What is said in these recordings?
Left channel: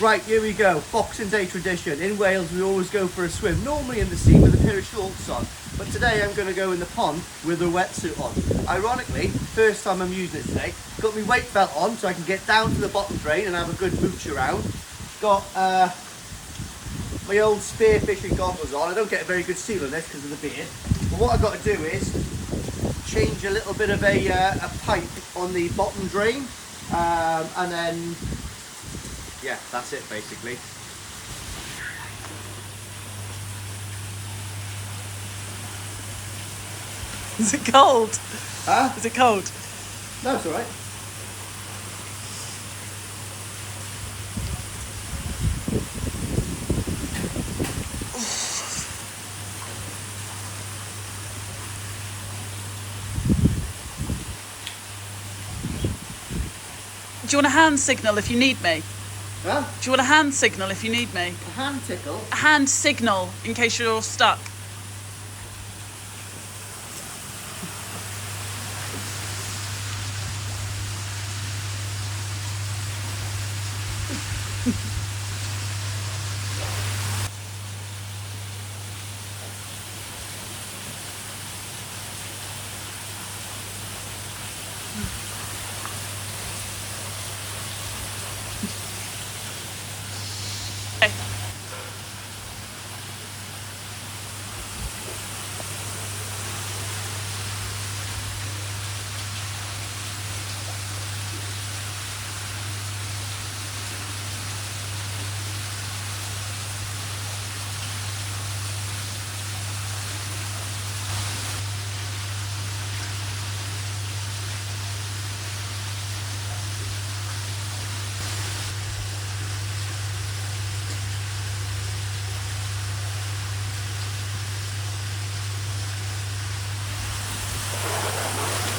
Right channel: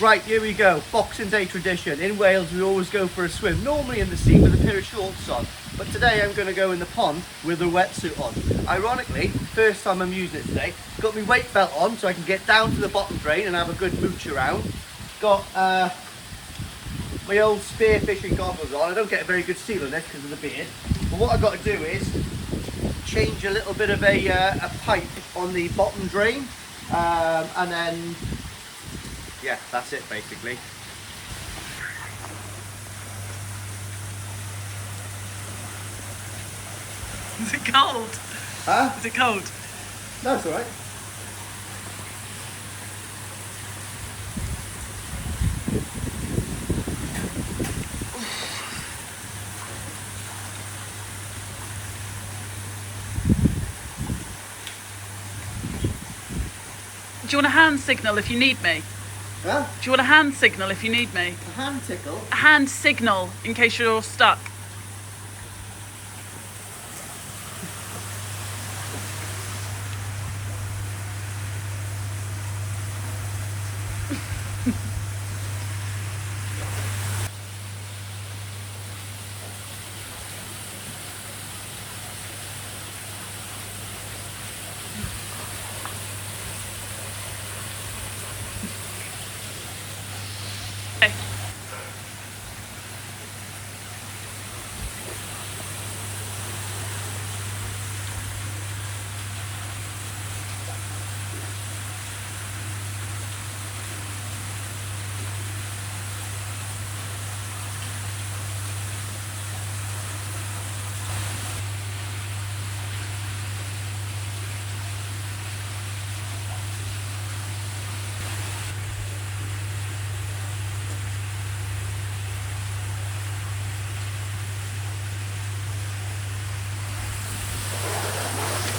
Right, here we go. Boxing Day tradition. In Wales, we always go for a swim, normally in the sea with a pair of shorts on. But today I'm going to go in the pond with a wetsuit on. Ironically, first time I'm using it today. Got my weight belt on so I can get down to the bottom drain and have a good mooch around. Got my old spear fishing goggles on. I don't get a very good seal on this because of the beard. But what I've got to do is change a little bit of a pipe on the bottom drain. And then, yeah, that's it basically. Is it cold? Huh? Is it cold? No, it's alright. Do you want a hand signal if you need me? Huh? Do you want a hand signal if you need me? A hand tickle? A hand signal in case you're stuck. Okay.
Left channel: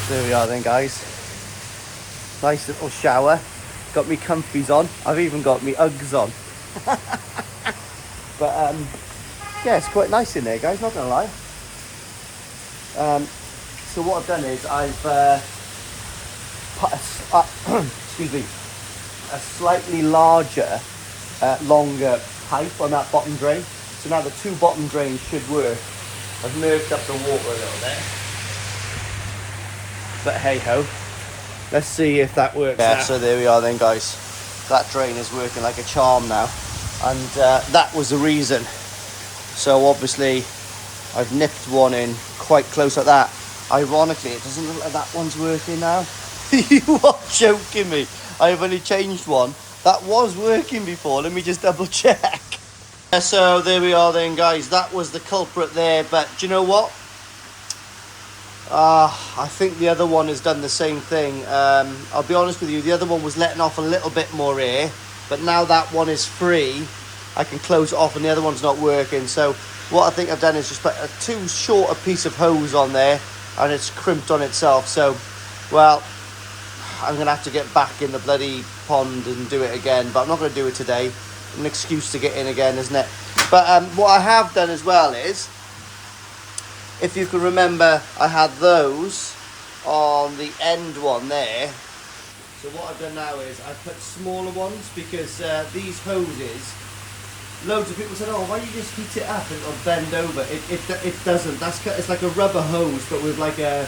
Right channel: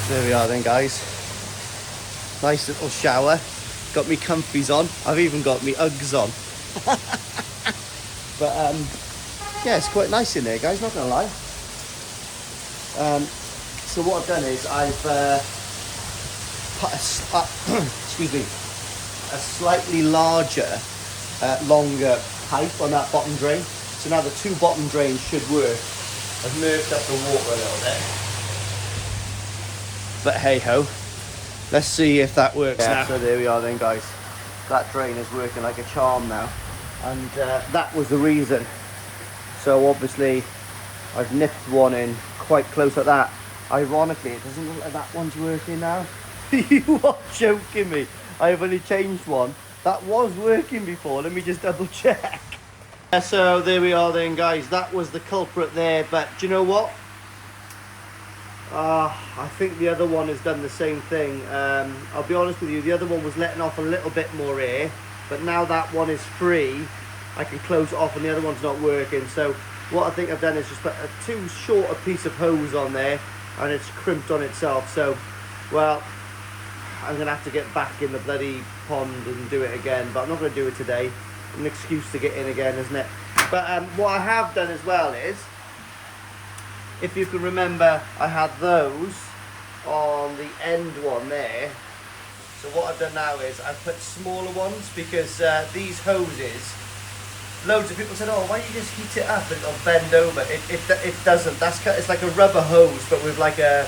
There we are then, guys. Nice little shower. Got me comfies on. I've even got me Uggs on. But yeah, it's quite nice in there, guys, not gonna lie. So what I've done is I've put excuse me, a slightly larger, longer pipe on that bottom drain. So now the two bottom drains should work. I've merged up the water a little bit. But hey ho, let's see if that works now. So there we are then, guys. That drain is working like a charm now. And that was the reason. So obviously I've nipped one in quite close like that. Ironically, it doesn't look like that one's working now. You are joking me. I've only changed one. That was working before. Let me just double check. So there we are then, guys. That was the culprit there. But do you know what? I think the other one has done the same thing. I'll be honest with you, the other one was letting off a little bit more air, but now that one is free, I can close it off and the other one's not working. So what I think I've done is just put a too short a piece of hose on there and it's crimped on itself. So, well, I'm going to have to get back in the bloody pond and do it again, but I'm not going to do it today. An excuse to get in again, isn't it? But what I have done as well is, if you can remember, I had those on the end one there. So what I've done now is I've put smaller ones because these hoses, loads of people said, oh, why don't you just heat it up and it'll bend over? It doesn't. It's like a rubber hose, but with like a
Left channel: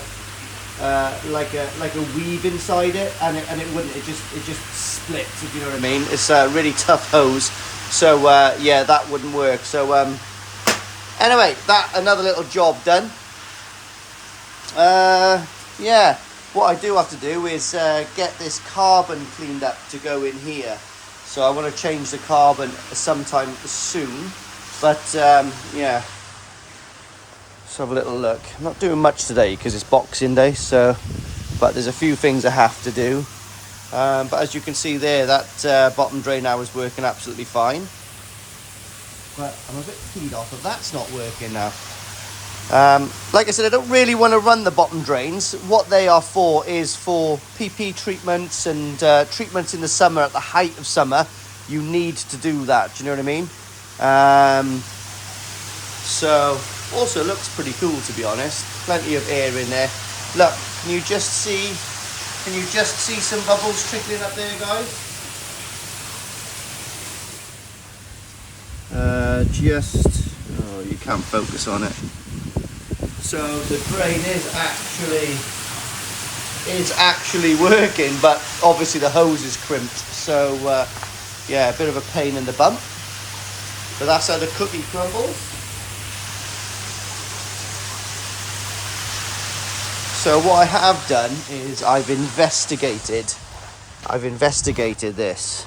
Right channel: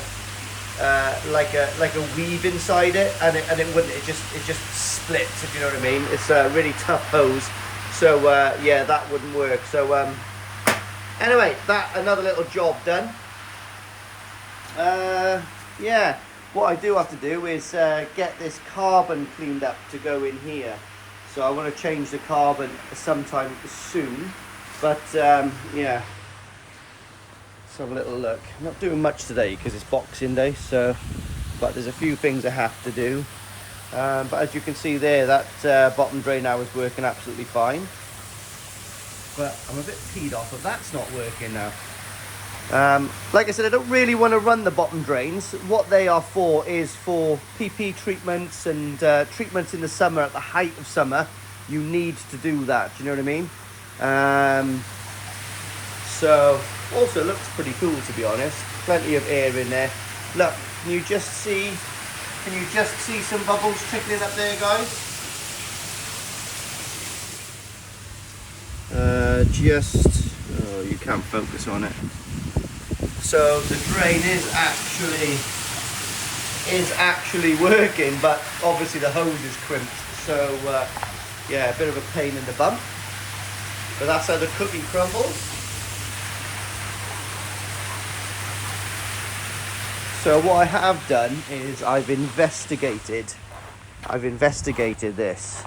weave inside it, and it wouldn't. It just splits, if you know what I mean. It's a really tough hose. So yeah, that wouldn't work. So anyway, another little job done. Yeah, what I do have to do is get this carbon cleaned up to go in here. So I want to change the carbon sometime soon. But yeah, let's have a little look. I'm not doing much today because it's Boxing Day. But there's a few things I have to do. But as you can see there, that bottom drain now is working absolutely fine. But I'm a bit peed off that that's not working now. Like I said, I don't really want to run the bottom drains. What they are for is for PP treatments and treatments in the summer. At the height of summer, you need to do that. Do you know what I mean? So also looks pretty cool, to be honest. Plenty of air in there. Look, can you just see some bubbles trickling up there, guys? Oh, you can't focus on it. So the crane is actually working, but obviously the hose is crimped. So yeah, a bit of a pain in the bum. But that's how the cookie crumbles. So what I have done is I've investigated this.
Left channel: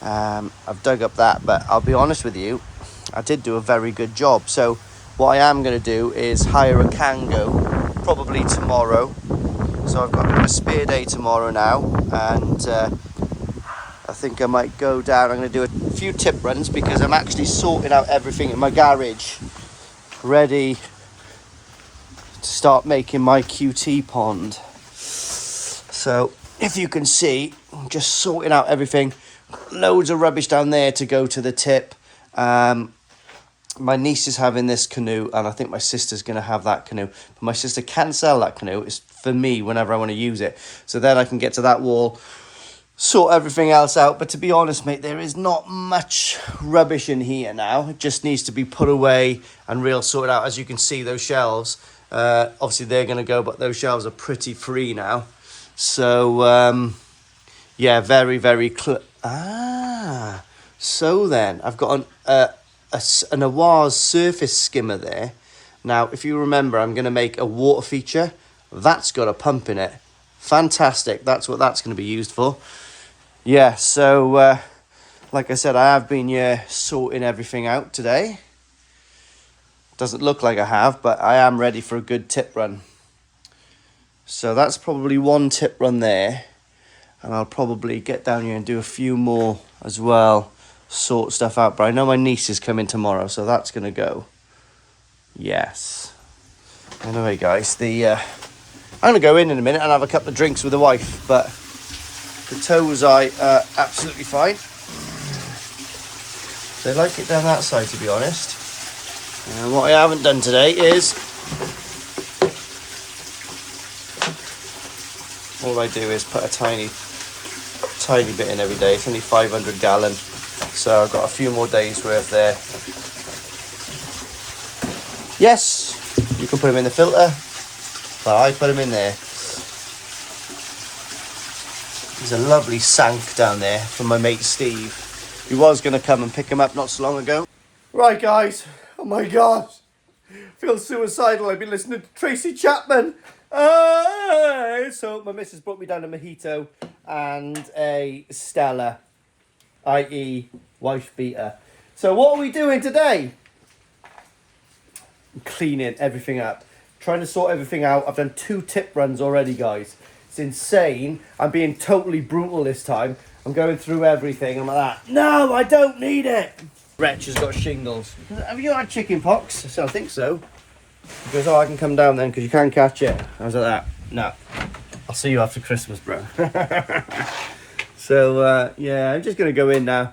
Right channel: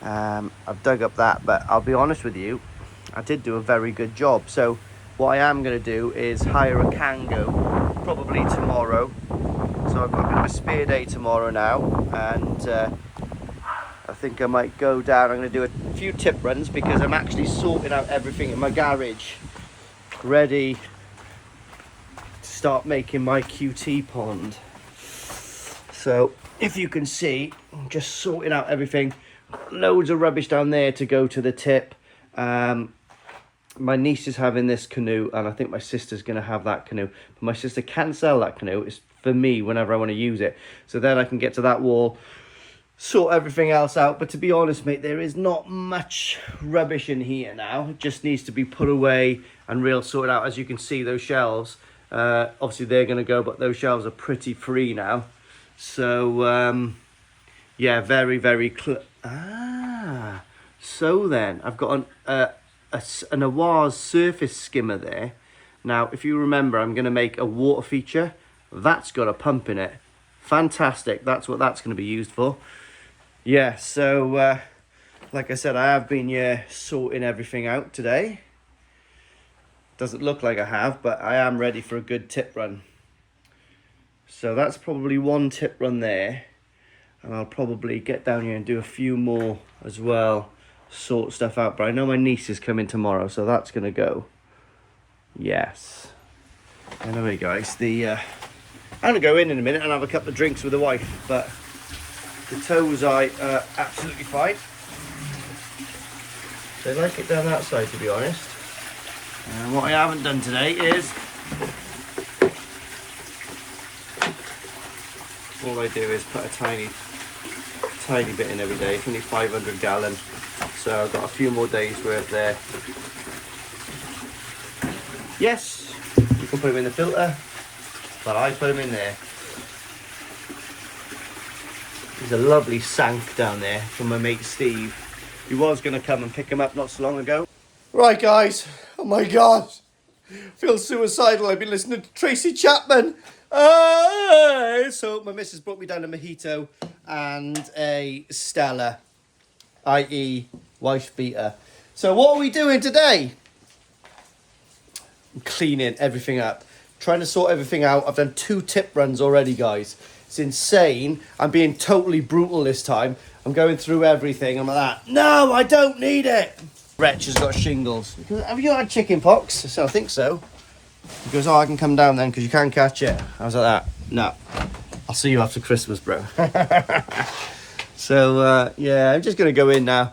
I've dug up that, but I'll be honest with you, I did do a very good job. So what I am going to do is hire a Kango probably tomorrow. So I've got a bit of a spare day tomorrow now, and I think I might go down. I'm going to do a few tip runs because I'm actually sorting out everything in my garage, ready to start making my QT pond. So if you can see, I'm just sorting out everything. Loads of rubbish down there to go to the tip. My niece is having this canoe, and I think my sister's going to have that canoe. But my sister can sell that canoe. It's for me whenever I want to use it. So then I can get to that wall, sort everything else out. But to be honest, mate, there is not much rubbish in here now. It just needs to be put away and real sorted out. As you can see, those shelves, obviously they're going to go, but those shelves are pretty free now. So, yeah, very, very so then I've got an oase surface skimmer there. Now, if you remember, I'm going to make a water feature. That's got a pump in it. Fantastic. That's what that's going to be used for. Yeah, so like I said, I have been sorting everything out today. Doesn't look like I have, but I am ready for a good tip run. So that's probably one tip run there. And I'll probably get down here and do a few more as well. Sort stuff out. But I know my niece is coming tomorrow, so that's going to go. Yes. Anyway, guys, I'm going to go in a minute and have a couple of drinks with the wife. But the toes are absolutely fine. They like it down that side, to be honest. And what I haven't done today is... all I do is put a tiny bit in every day. It's only 500 gallon, so I've got a few more days worth there. Yes, you can put them in the filter, but I put them in there. There's a lovely sank down there from my mate Steve. He was going to come and pick him up not so long ago. Right, guys, oh my god, I feel suicidal. I've been listening to Tracy Chapman. So my missus brought me down a mojito and a Stella, i.e. wife beater. So what are we doing today? I'm cleaning everything up, trying to sort everything out. I've done 2 tip runs already, guys. It's insane. I'm being totally brutal this time. I'm going through everything. I'm like that. No, I don't need it. Wretch has got shingles. Have you had chicken pox? I said, I think so. He goes, oh, I can come down then because you can catch it. I was like that. No, I'll see you after Christmas, bro. So, yeah, I'm just going to go in now,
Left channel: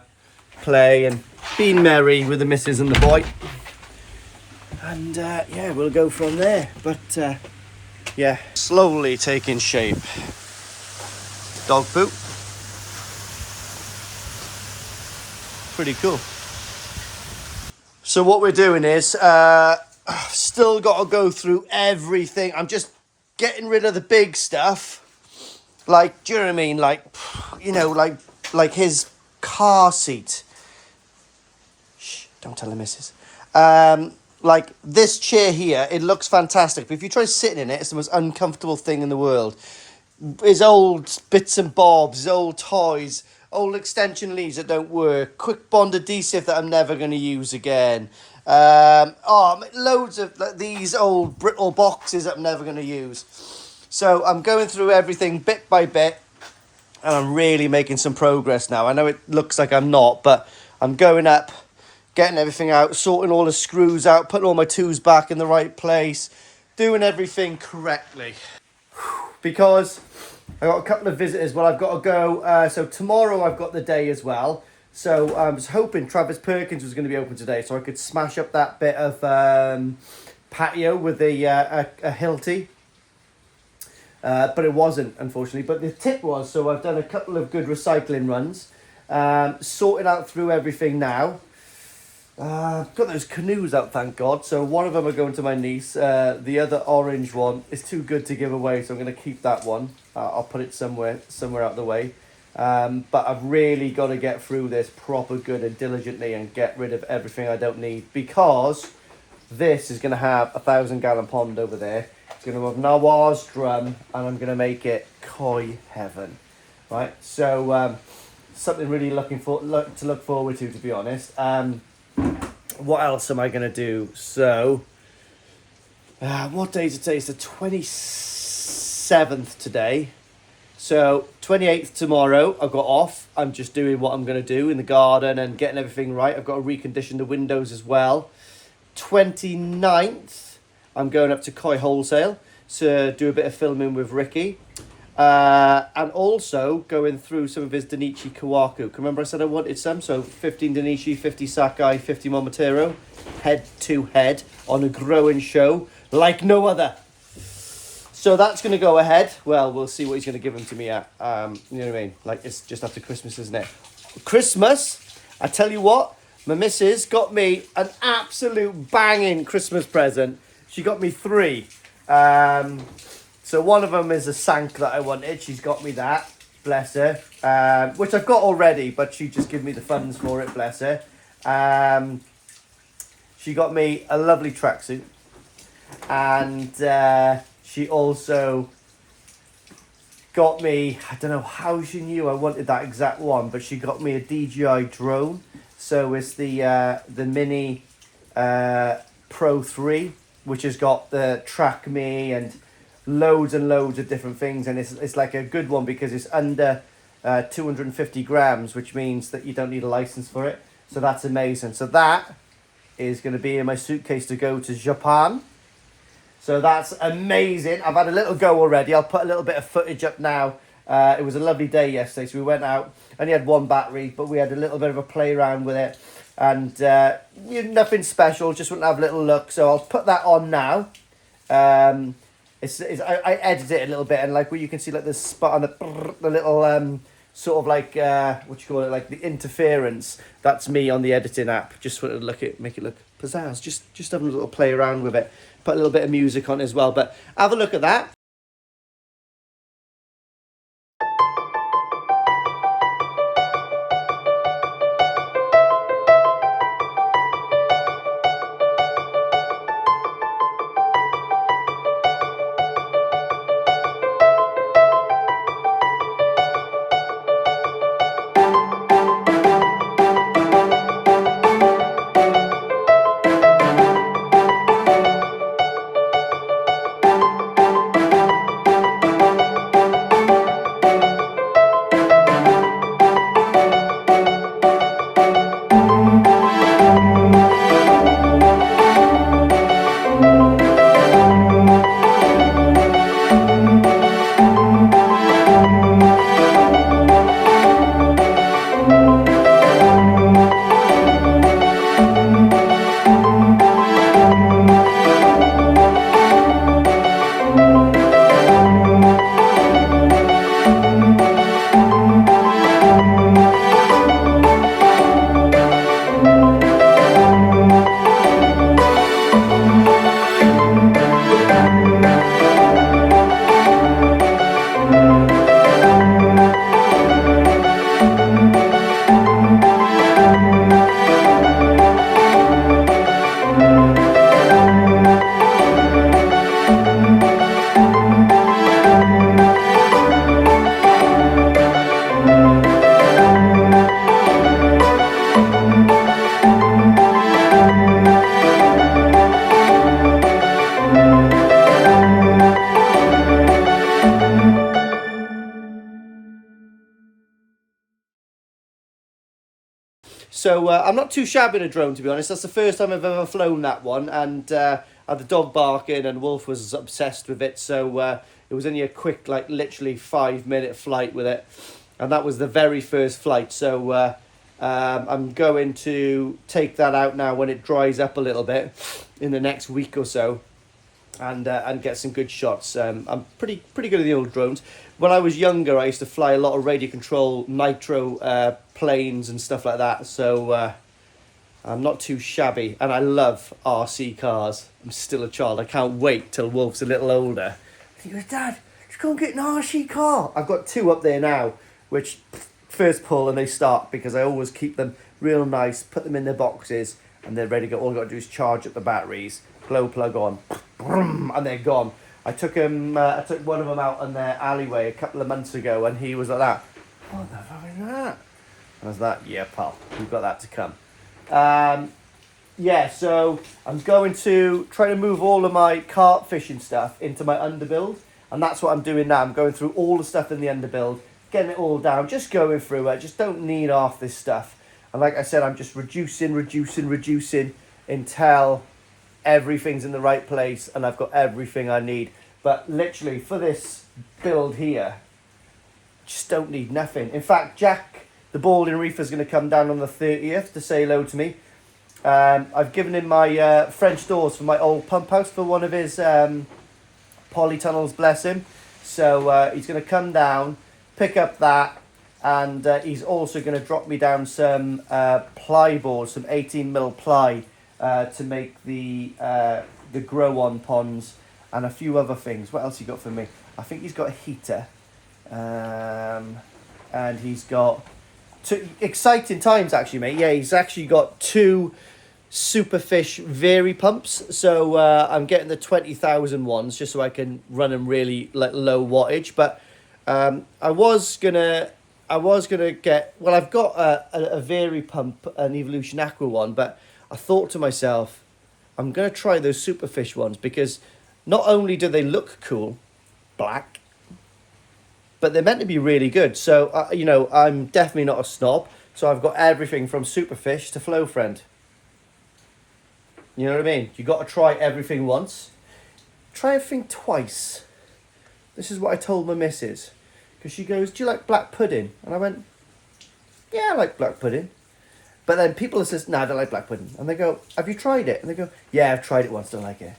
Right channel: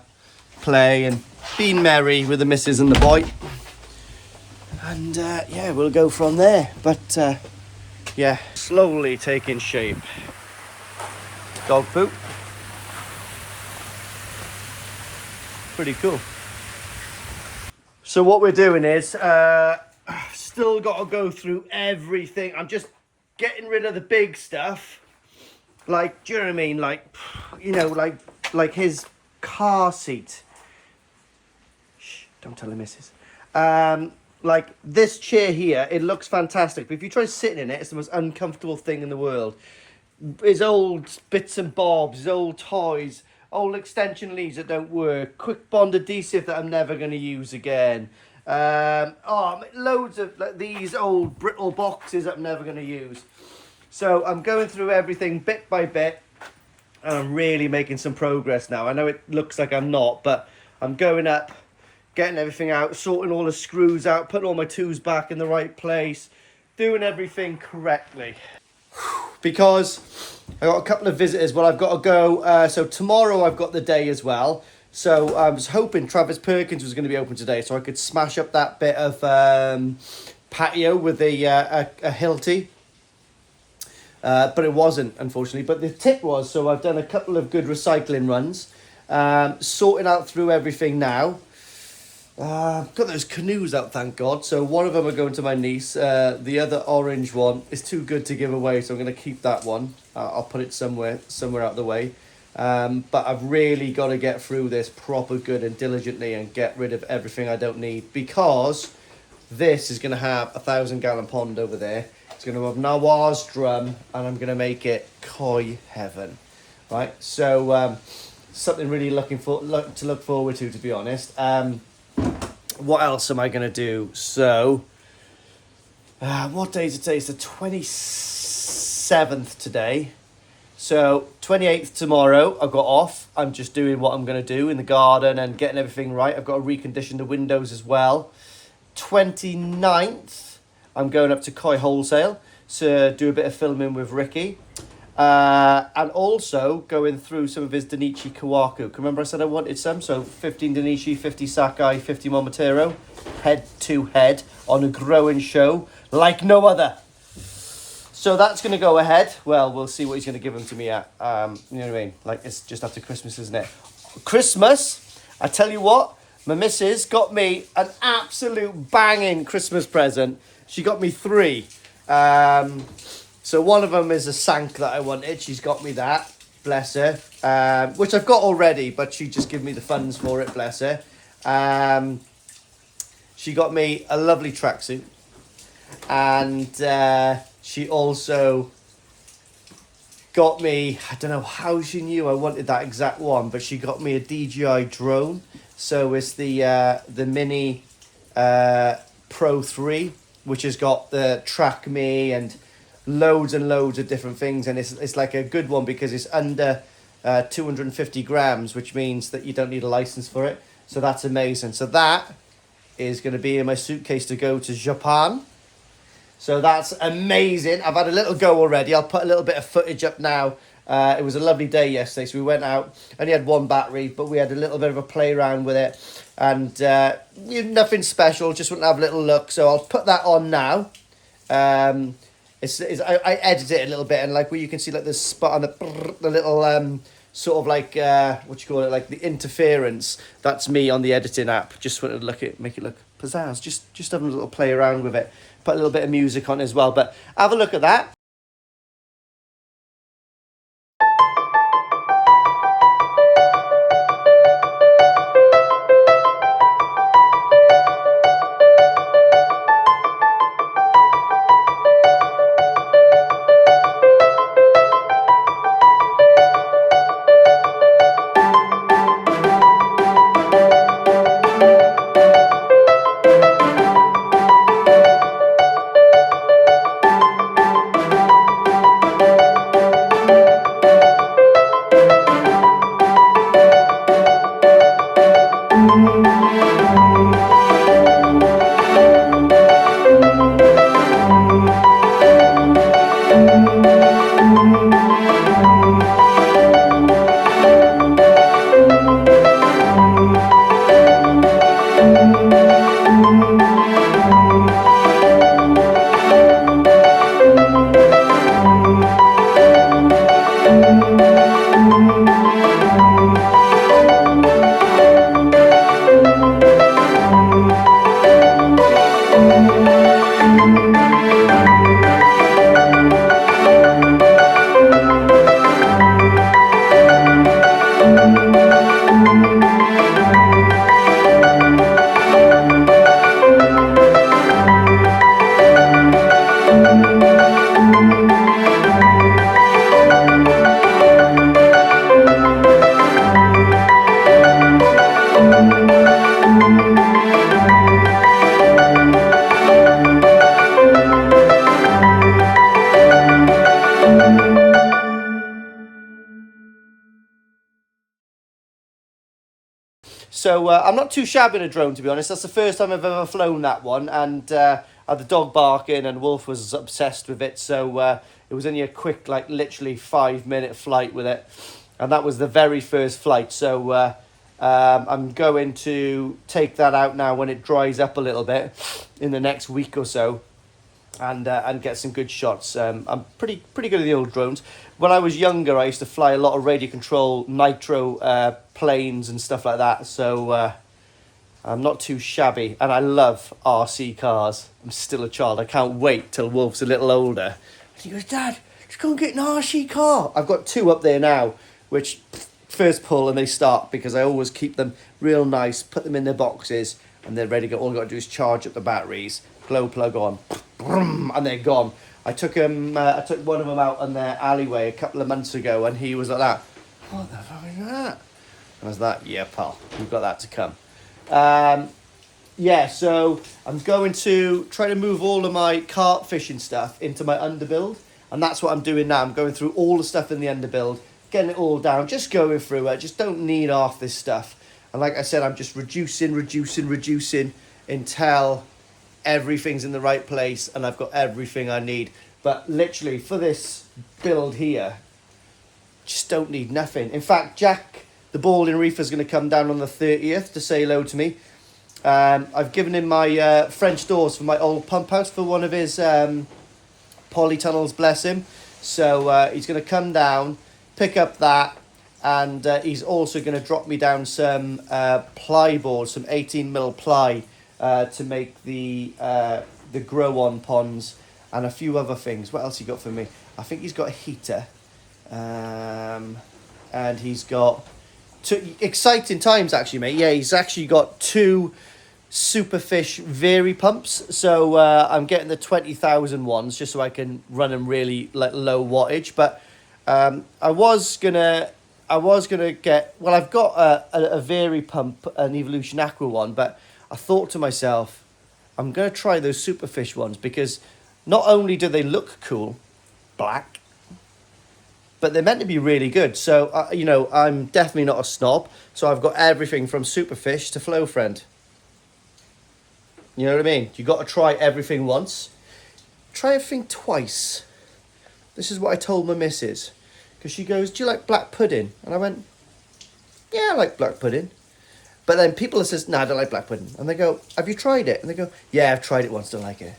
play and be merry with the missus and the boy. And, yeah, we'll go from there. But, yeah, slowly taking shape. Dog poop. Pretty cool. So what we're doing is... still got to go through everything. I'm just getting rid of the big stuff. Like, do you know what I mean? Like, you know, like his car seat. Shh, don't tell the missus. Like this chair here, it looks fantastic. But if you try sitting in it, it's the most uncomfortable thing in the world. His old bits and bobs, his old toys, old extension leads that don't work, quick bond adhesive that I'm never going to use again. Loads of these old brittle boxes that I'm never going to use. So I'm going through everything bit by bit, and I'm really making some progress now. I know it looks like I'm not, but I'm going up, getting everything out, sorting all the screws out, putting all my tools back in the right place, doing everything correctly. Because I got a couple of visitors. Well, I've got to go. So tomorrow I've got the day as well. So I was hoping Travis Perkins was going to be open today, so I could smash up that bit of patio with a Hilti. But it wasn't, unfortunately. But the tip was, so I've done a couple of good recycling runs, sorting out through everything now. Got those canoes out, thank God. So one of them are going to my niece. The other orange one is too good to give away, so I'm going to keep that one. I'll put it somewhere out the way. But I've really got to get through this proper good and diligently and get rid of everything I don't need, because this is going to have a 1,000-gallon pond over there. It's going to have Nawaz drum, and I'm going to make it koi heaven, right? So something really to look forward to be honest. What else am I going to do? So, what day is it today? It's the 27th today. So, 28th tomorrow, I've got off. I'm just doing what I'm going to do in the garden and getting everything right. I've got to recondition the windows as well. 29th, I'm going up to Koi Wholesale to do a bit of filming with Ricky. And also going through some of his Danichi Kawaku. Remember I said I wanted some? So 15 Danichi, 50 Sakai, 50 Momotaro, head to head on a growing show like no other. So that's going to go ahead. Well, we'll see what he's going to give them to me at. You know what I mean? Like, it's just after Christmas, isn't it? Christmas, I tell you what, my missus got me an absolute banging Christmas present. She got me 3. So one of them is a Sank that I wanted. She's got me that, bless her, which I've got already, but she just gave me the funds for it, bless her. She got me a lovely tracksuit, and she also got me, I don't know how she knew I wanted that exact one, but she got me a DJI drone. So it's the Mini Pro 3, which has got the Track Me and loads and loads of different things, and it's like a good one because it's under 250 grams, which means that you don't need a license for it. So that's amazing. So that is going to be in my suitcase to go to Japan. So that's amazing. I've had a little go already. I'll put a little bit of footage up now. It was a lovely day yesterday, so we went out. Only had one battery, but we had a little bit of a play around with it, and nothing special, just want to have a little look. So I'll put that on now. I edited it a little bit, and like where you can see like the spot on the little sort of like what you call it, like the interference. That's me on the editing app. Just wanted to make it look pizzazz. Just having a little play around with it. Put a little bit of music on as well. But have a look at that. So I'm not too shabby in a drone, to be honest. That's the first time I've ever flown that one, and I had the dog barking, and Wolf was obsessed with it. So it was only a quick, like literally 5-minute flight with it, and that was the very first flight. So I'm going to take that out now when it dries up a little bit in the next week or so, and get some good shots. I'm pretty good at the old drones. When I was younger, I used to fly a lot of radio control nitro planes and stuff like that. So I'm not too shabby, and I love RC cars. I'm still a child. I can't wait till Wolf's a little older. And he goes, Dad, let's go and get an RC car. I've got 2 up there now, which first pull and they start, because I always keep them real nice, put them in their boxes, and they're ready to go. All I've got to do is charge up the batteries, glow plug on, and they're gone. I took one of them out in their alleyway a couple of months ago, and he was like that. What the fuck is that? I was like, yeah, pal, we've got that to come. Yeah, so I'm going to try to move all of my carp fishing stuff into my underbuild, and that's what I'm doing now. I'm going through all the stuff in the underbuild, getting it all down, just going through it. Just don't need half this stuff. And like I said, I'm just reducing until everything's in the right place and I've got everything I need. But literally for this build here, just don't need nothing. In fact, Jack, the balding reefer, is going to come down on the 30th to say hello to me. I've given him my French doors for my old pump house for one of his polytunnels, bless him. So he's going to come down, pick up that, and he's also going to drop me down some ply boards, some 18mm ply to make the grow-on ponds and a few other things. What else he got for me? I think he's got a heater, and he's got exciting times actually, mate. Yeah, he's actually got 2 Superfish Vary pumps, so I'm getting the 20,000 ones just so I can run them really like low wattage. But I was gonna get, well, I've got a Vary pump, an Evolution Aqua one, but I thought to myself, I'm gonna try those Superfish ones, because not only do they look cool, black, but they're meant to be really good. So you know, I'm definitely not a snob, so I've got everything from Superfish to Flow Friend. You know what I mean? You got to try everything once. Try everything twice. This is what I told my missus. Because she goes, do you like black pudding? And I went, yeah, I like black pudding. But then people says, no, I don't like black pudding. And they go, have you tried it? And they go, yeah, I've tried it once, don't like it.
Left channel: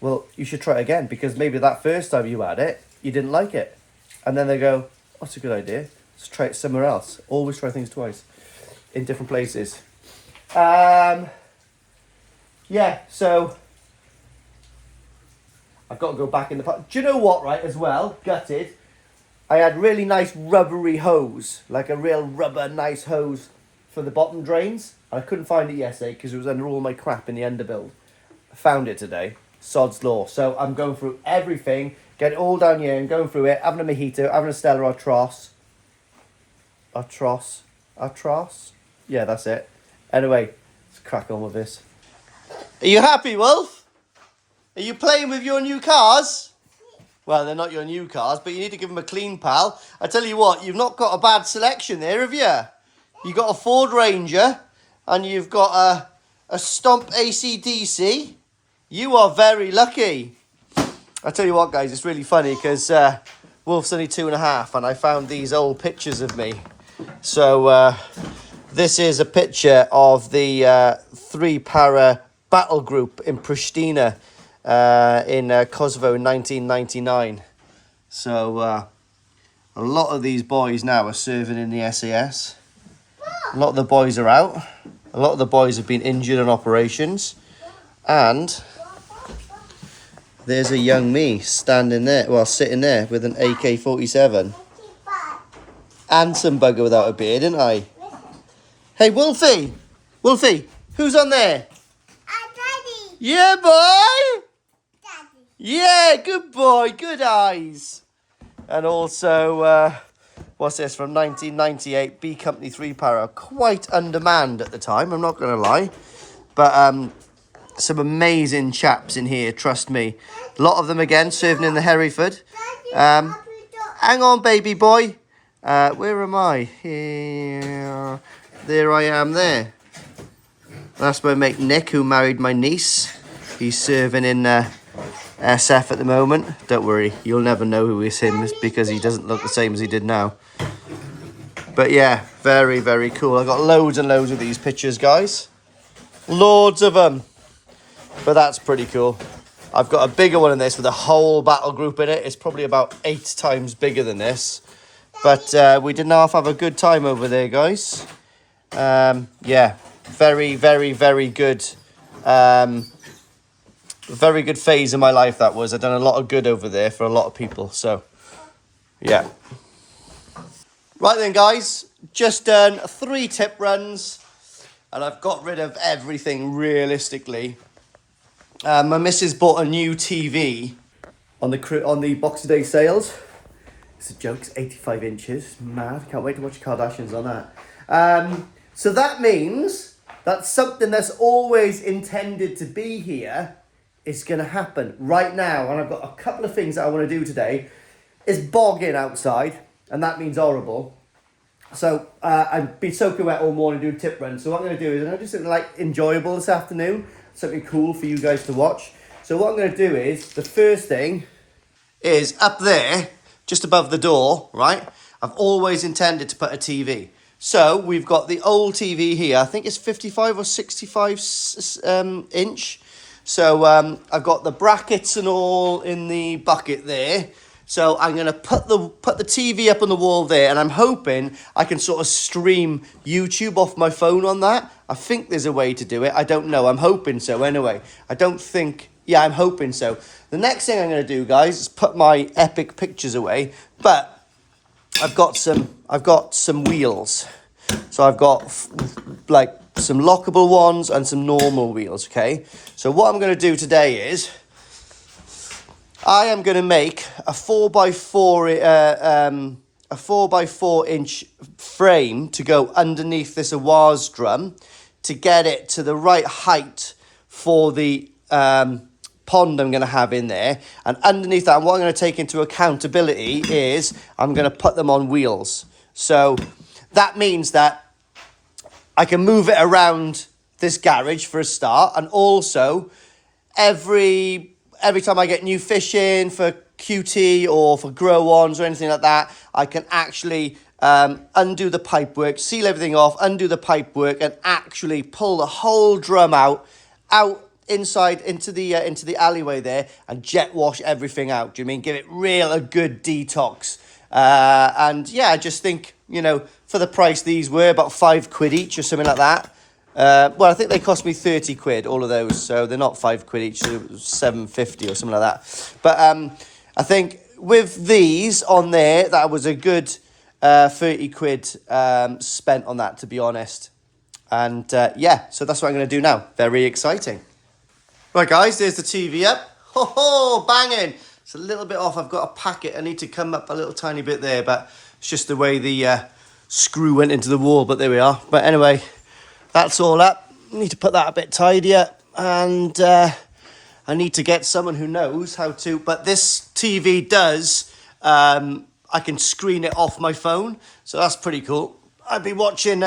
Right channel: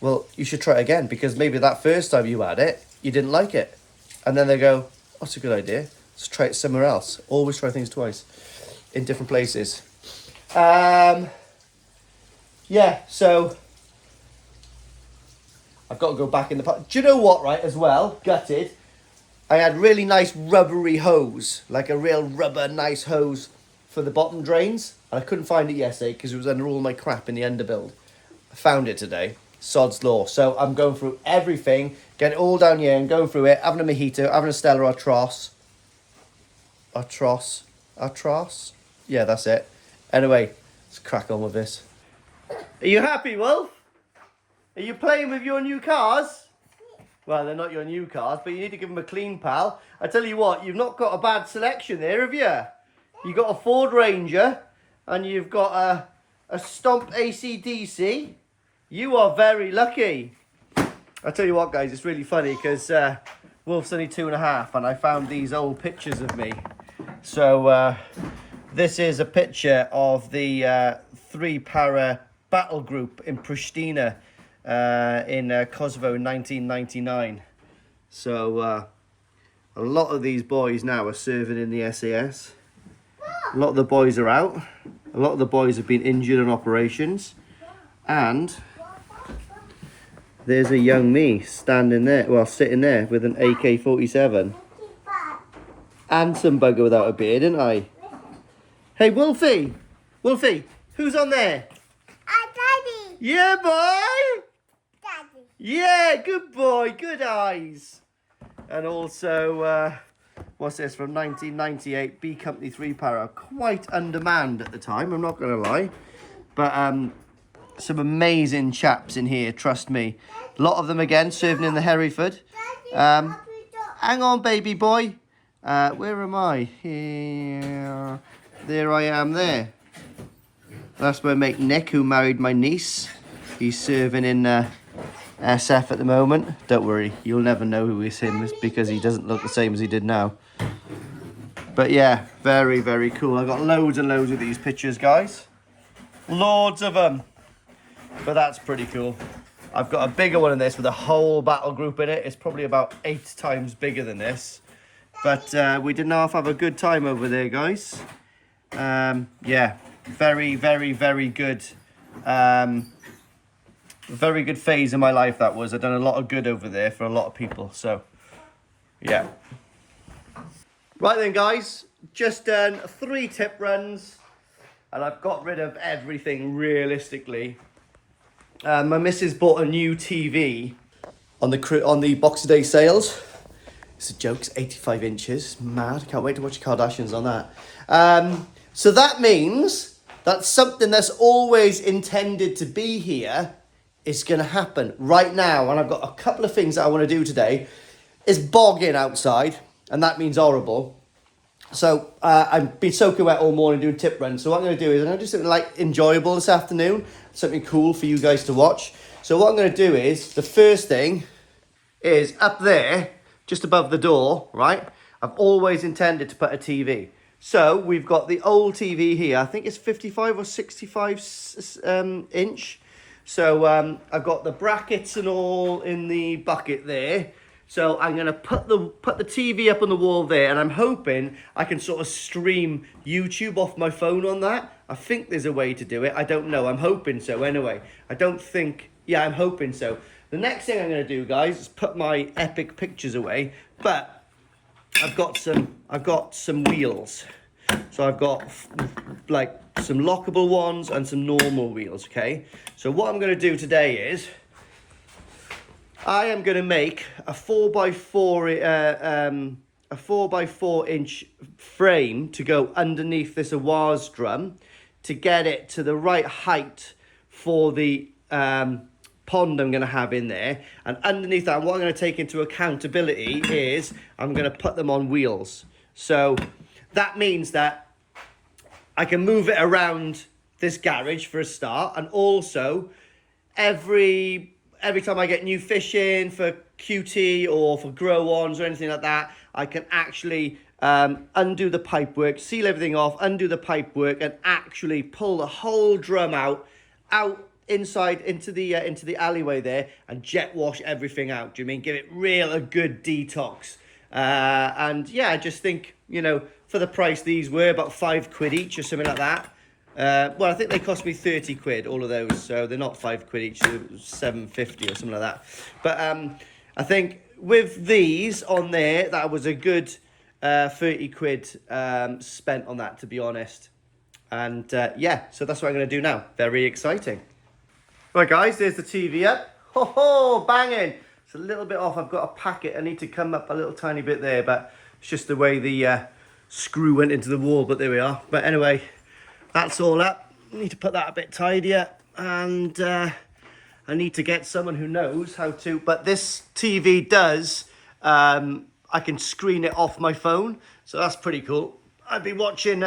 Well, you should try it again, because maybe that first time you had it, you didn't like it. And then they go, oh, that's a good idea. Let's try it somewhere else. Always try things twice in different places. Yeah, so I've got to go back in the pot. Do you know what, right, as well, gutted, I had really nice rubbery hose, like a real rubber nice hose for the bottom drains. And I couldn't find it yesterday because it was under all my crap in the underbuild. I found it today, sod's law. So I'm going through everything, get it all down here and going through it, having a mojito, having a Stella Artois. Artois? Yeah, that's it. Anyway, let's crack on with this. Are you happy, Wolf? Are you playing with your new cars? Well, they're not your new cars, but you need to give them a clean, pal. I tell you what, you've not got a bad selection there, have you? You've got a Ford Ranger, and you've got a Stomp AC/DC. You are very lucky. I tell you what, guys, it's really funny, because Wolf's only 2.5, and I found these old pictures of me. So, this is a picture of the 3-para battle group in Pristina in Kosovo in 1999. So a lot of these boys now are serving in the SAS. A lot of the boys are out. A lot of the boys have been injured in operations. And there's a young me standing there, well, sitting there with an AK-47. Handsome bugger without a beard, didn't I? Hey, Wolfie! Wolfie, who's on there? Daddy. Yeah, boy! Daddy. Yeah, good boy, good eyes. And also, what's this, from 1998, B Company 3-para. Quite undermanned at the time, I'm not going to lie. But some amazing chaps in here, trust me. A lot of them, again, serving in the Hereford. Hang on, baby boy. Where am I? Here. There I am there. That's my mate Nick, who married my niece. He's serving in SF at the moment. Don't worry, you'll never know who is him, because he doesn't look the same as he did now. But yeah, very, very cool. I've got loads and loads of these pictures, guys. Loads of them. But that's pretty cool. I've got a bigger one in this with a whole battle group in it. It's probably about 8 times bigger than this. But we did half have a good time over there, guys. Yeah, Very, very, very good. Very good phase in my life that was. I've done a lot of good over there for a lot of people. So, yeah. Right then, guys. Just done 3 tip runs. And I've got rid of everything realistically. My missus bought a new TV on the Boxing Day sales. It's a joke. It's 85 inches. Mad. Can't wait to watch Kardashians on that. So that means that something that's always intended to be here is going to happen right now. And I've got a couple of things that I want to do today. It's bogging outside, and that means horrible. So I've been soaking wet all morning doing tip runs. So what I'm going to do is I'm going to do something like enjoyable this afternoon. Something cool for you guys to watch. So what I'm going to do is, the first thing is up there, just above the door, right? I've always intended to put a TV. So we've got the old TV here. I think it's 55 or 65 inch. So I've got the brackets and all in the bucket there. So I'm going to put the TV up on the wall there, and I'm hoping I can sort of stream YouTube off my phone on that. I think there's a way to do it. I don't know. I'm hoping so anyway. I don't think... Yeah, I'm hoping so. The next thing I'm going to do, guys, is put my epic pictures away. But I've got some wheels. So I've got like some lockable ones and some normal wheels, okay? So what I'm going to do today is I am going to make a 4x4 inch frame to go underneath this oase drum to get it to the right height for the pond I'm going to have in there. And underneath that, what I'm going to take into accountability is I'm going to put them on wheels. So that means that I can move it around this garage for a start, and also every time I get new fish in for QT or for grow-ons or anything like that, I can actually undo the pipework, seal everything off, undo the pipework, and actually pull the whole drum out inside into the alleyway there and jet wash everything out. Do you mean give it a good detox? And yeah, I just think, you know, for the price these were, about £5 each or something like that. Well, I think they cost me 30 quid, all of those. So they're not £5 each, so £7.50 or something like that. But I think with these on there, that was a good 30 quid spent on that, to be honest. And yeah, so that's what I'm going to do now. Very exciting. Right, guys, there's the TV up. Ho ho, banging. It's a little bit off. I've got to pack it. I need to come up a little tiny bit there, but it's just the way the screw went into the wall. But there we are. But anyway, that's all up. Need to put that a bit tidier, and I need to get someone who knows how to. But this TV does. I can screen it off my phone, so that's pretty cool. I've been watching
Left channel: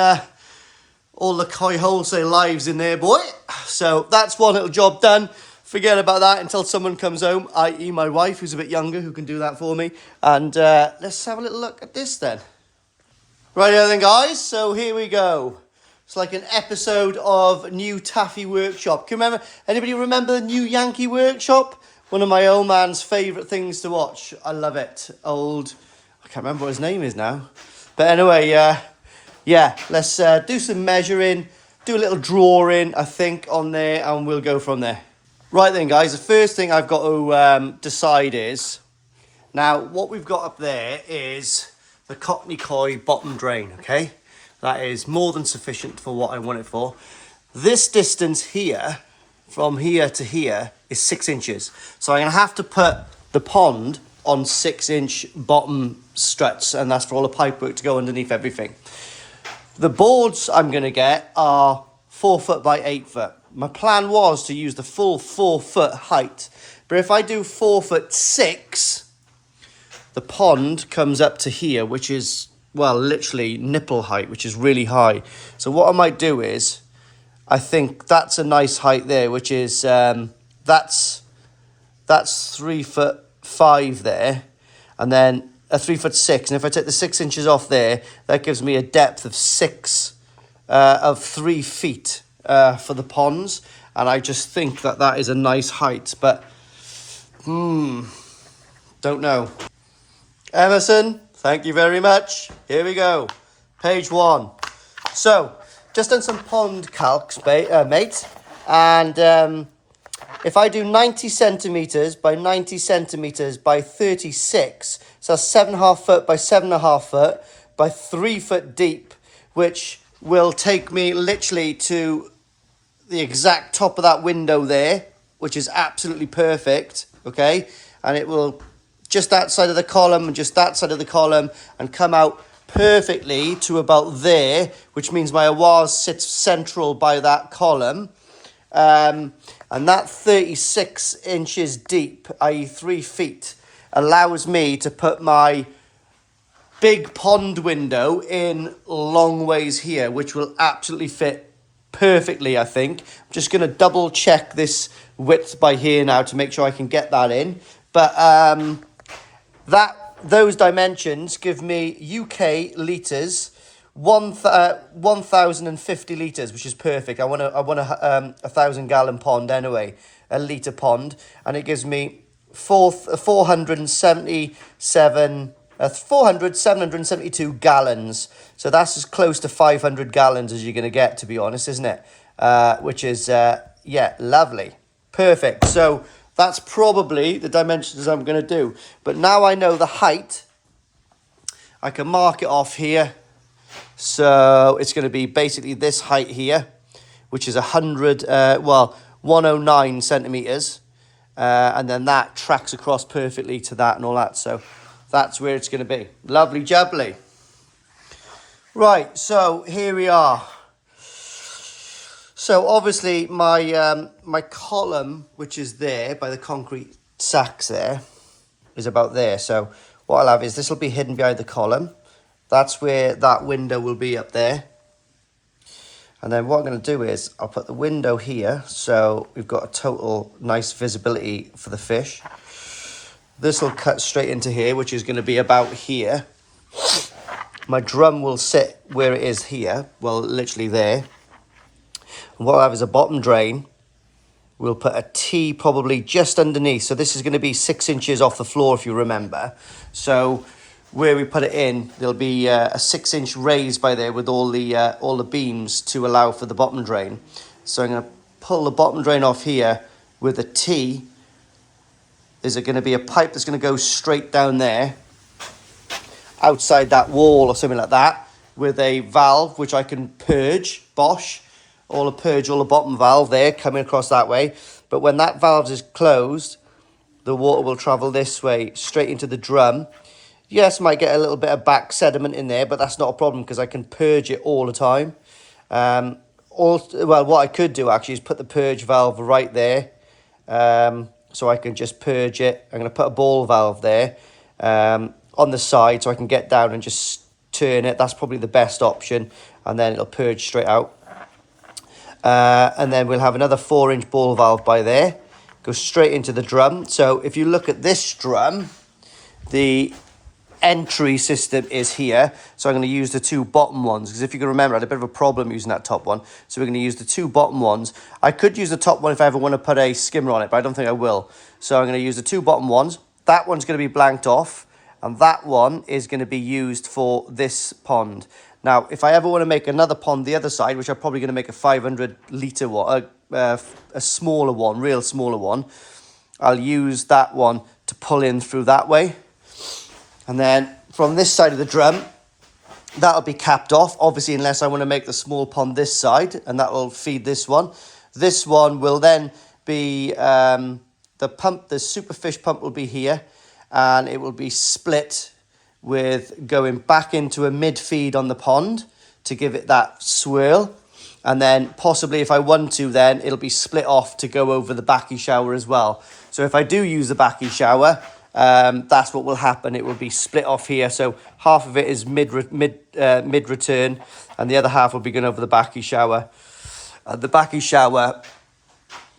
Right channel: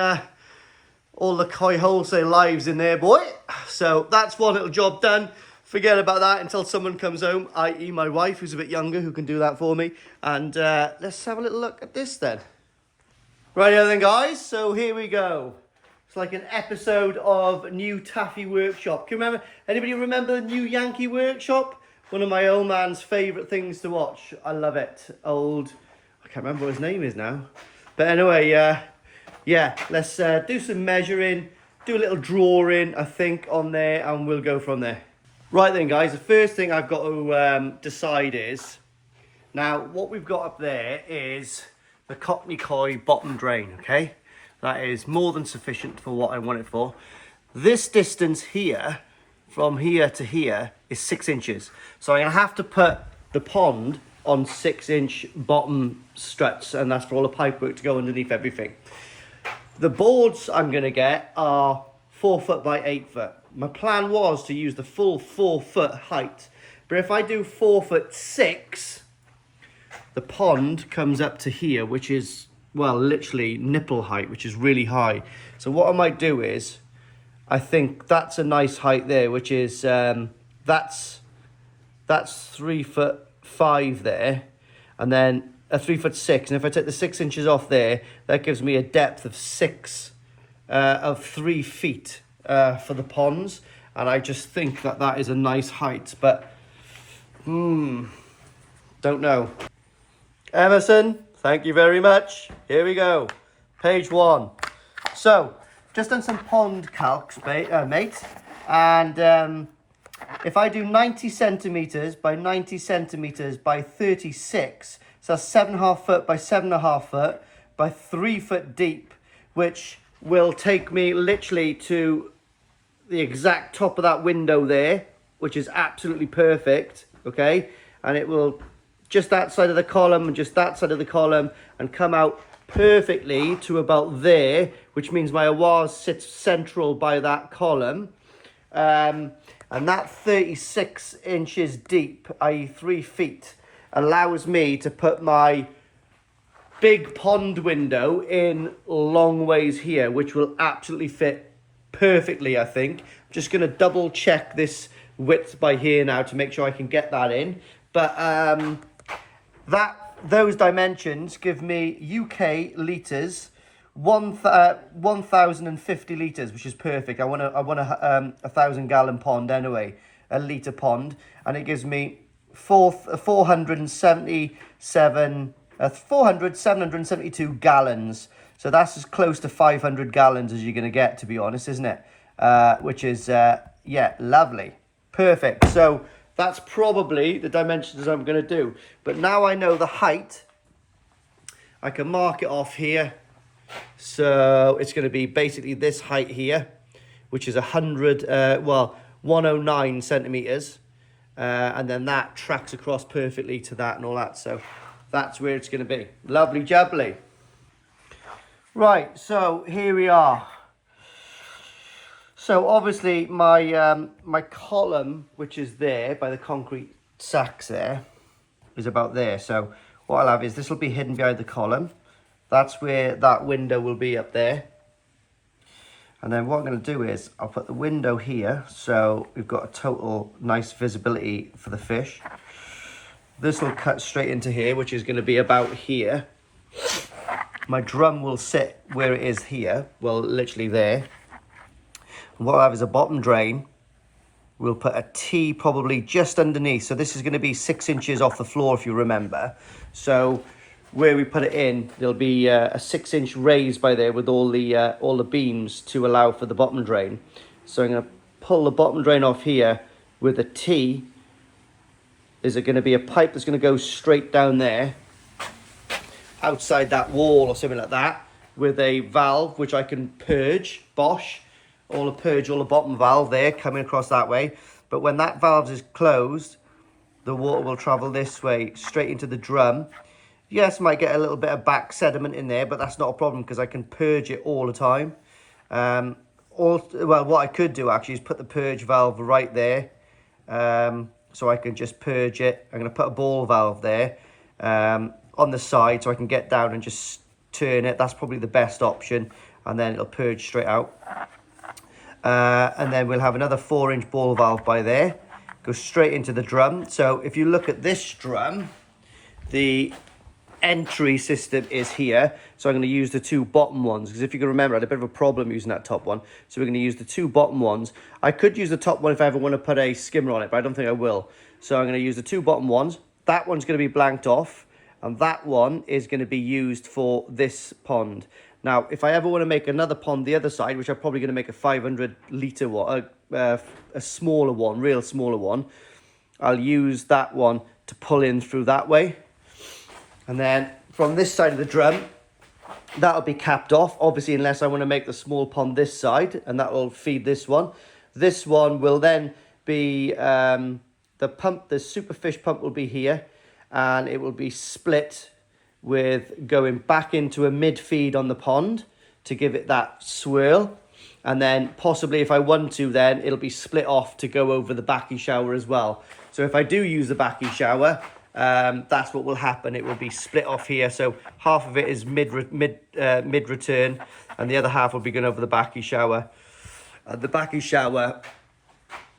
all the Koi Wholesale lives in there, boy. So that's one little job done. Forget about that until someone comes home, i.e. my wife, who's a bit younger, who can do that for me. And let's have a little look at this then. Rightio then, guys. So here we go. It's like an episode of New Taffy Workshop. Anybody remember the New Yankee Workshop? One of my old man's favourite things to watch. I love it. I can't remember what his name is now. But anyway, yeah, let's do some measuring, do a little drawing, I think, on there, and we'll go from there. Right then, guys, the first thing I've got to decide is, now, what we've got up there is the Cockney Koi bottom drain, okay? That is more than sufficient for what I want it for. This distance here, from here to here, is 6 inches. So I'm going to have to put the pond on 6-inch bottom struts, and that's for all the pipework to go underneath everything. The boards I'm going to get are 4 foot by 8 foot. My plan was to use the full 4 foot height. But if I do 4'6", the pond comes up to here, which is, well, literally nipple height, which is really high. So what I might do is, I think that's a nice height there, which is, that's 3'5" there. And then a 3'6", and if I take the 6 inches off there, that gives me a depth of 3 feet for the ponds, and I just think that is a nice height, but don't know. Emerson, thank you very much. Here we go, page 1. So just done some pond calcs, mate. And if I do 90 centimetres by 90 centimetres by 36, so that's 7.5 foot by 7.5 foot by 3 foot deep, which will take me literally to the exact top of that window there, which is absolutely perfect, okay? And it will just that side of the column and just that side of the column and come out perfectly to about there, which means my oase sits central by that column. And that 36 inches deep, i.e. 3 feet, allows me to put my big pond window in long ways here, which will absolutely fit perfectly, I think. I'm just going to double check this width by here now to make sure I can get that in. But those dimensions give me UK litres, 1,050 litres, which is perfect. I want a 1,000 gallon pond anyway, a litre pond, and it gives me 772 gallons. So that's as close to 500 gallons as you're going to get, to be honest, isn't it? Which is, yeah, lovely. Perfect. So that's probably the dimensions I'm going to do. But now I know the height, I can mark it off here. So it's going to be basically this height here, which is 109 centimetres. And then that tracks across perfectly to that and all that. So that's where it's going to be. Lovely jubbly. Right, so here we are. So obviously my my column, which is there by the concrete sacks there, is about there. So what I'll have is this will be hidden behind the column. That's where that window will be up there. And then what I'm going to do is I'll put the window here. So we've got a total nice visibility for the fish. This will cut straight into here, which is going to be about here. My drum will sit where it is here. Well, literally there. And what I'll have is a bottom drain. We'll put a T probably just underneath. So this is going to be 6 inches off the floor, if you remember. So where we put it in, there'll be a 6-inch raise by there with all the beams to allow for the bottom drain. So I'm going to pull the bottom drain off here with a T. There's going to be a pipe that's going to go straight down there, outside that wall or something like that, with a valve which I can purge, Bosch, all the bottom valve there coming across that way. But when that valve is closed, the water will travel this way straight into the drum. Yes, might get a little bit of back sediment in there, but that's not a problem because I can purge it all the time. Well, what I could do actually is put the purge valve right there. So I can just purge it. I'm going to put a ball valve there on the side so I can get down and just turn it. That's probably the best option. And then it'll purge straight out. And then we'll have another 4-inch ball valve by there. Go straight into the drum. So if you look at this drum, the entry system is here. So I'm going to use the 2 bottom ones, because if you can remember, I had a bit of a problem using that top one. So we're going to use the 2 bottom ones. I could use the top one if I ever want to put a skimmer on it, but I don't think I will. So I'm going to use the 2 bottom ones. That one's going to be blanked off, and that one is going to be used for this pond. Now, if I ever want to make another pond the other side, which I'm probably going to make a 500 litre one, a smaller one, real smaller one, I'll use that one to pull in through that way. And then from this side of the drum, that'll be capped off, obviously, unless I want to make the small pond this side, and that will feed this one. This one will then be, the superfish pump will be here, and it will be split with going back into a mid-feed on the pond to give it that swirl. And then possibly, if I want to, then it'll be split off to go over the backy shower as well. So if I do use the backy shower, that's what will happen. It will be split off here. So half of it is mid-return, and the other half will be going over the backy shower. The backy shower,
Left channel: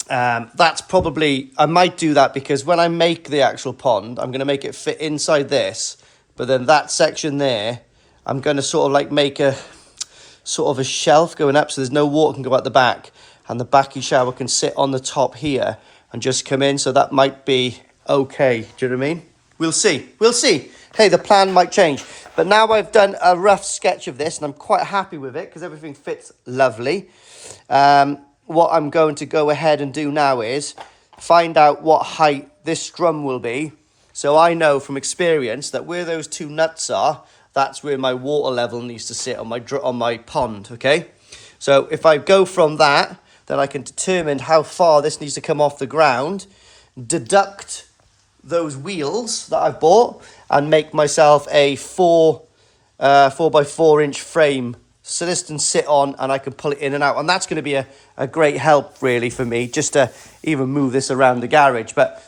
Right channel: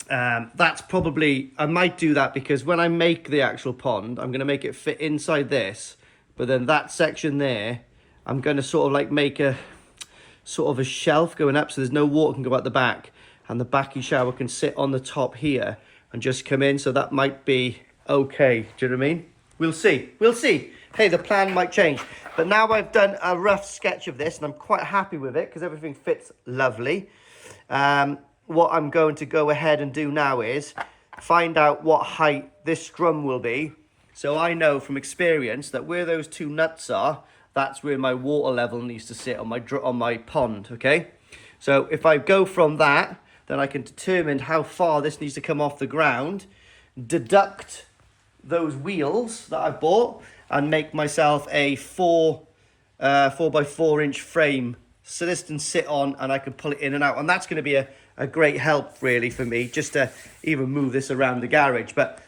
that's probably, I might do that because when I make the actual pond, I'm going to make it fit inside this. But then that section there, I'm going to sort of like make a sort of a shelf going up so there's no water can go out the back. And the backy shower can sit on the top here and just come in. So that might be okay. Do you know what I mean? We'll see. We'll see. hey, the plan might change. But now I've done a rough sketch of this, and I'm quite happy with it because everything fits lovely. What I'm going to go ahead and do now is find out what height this drum will be. So I know from experience that where those two nuts are, that's where my water level needs to sit on my pond, okay? So if I go from that, then I can determine how far this needs to come off the ground, deduct those wheels that I've bought, and make myself a 4 by 4 inch frame so this can sit on and I can pull it in and out. And that's going to be a great help really for me, just to even move this around the garage. But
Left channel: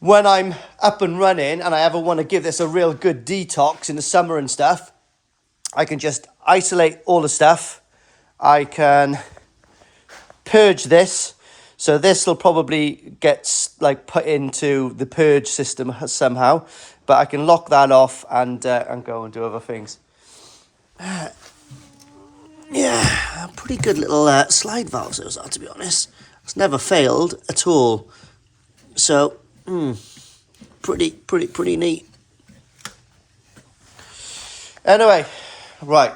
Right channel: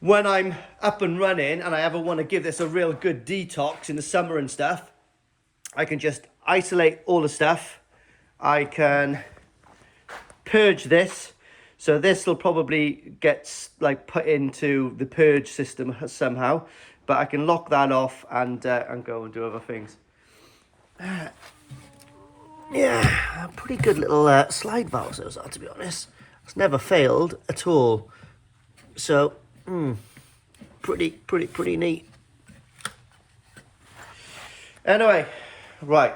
when I'm up and running and I ever want to give this a real good detox in the summer and stuff, I can just isolate all the stuff. I can purge this. So this will probably get like put into the purge system somehow, but I can lock that off and go and do other things. Yeah, pretty good little slide valves those are, to be honest. It's never failed at all. So, pretty neat. Anyway, right,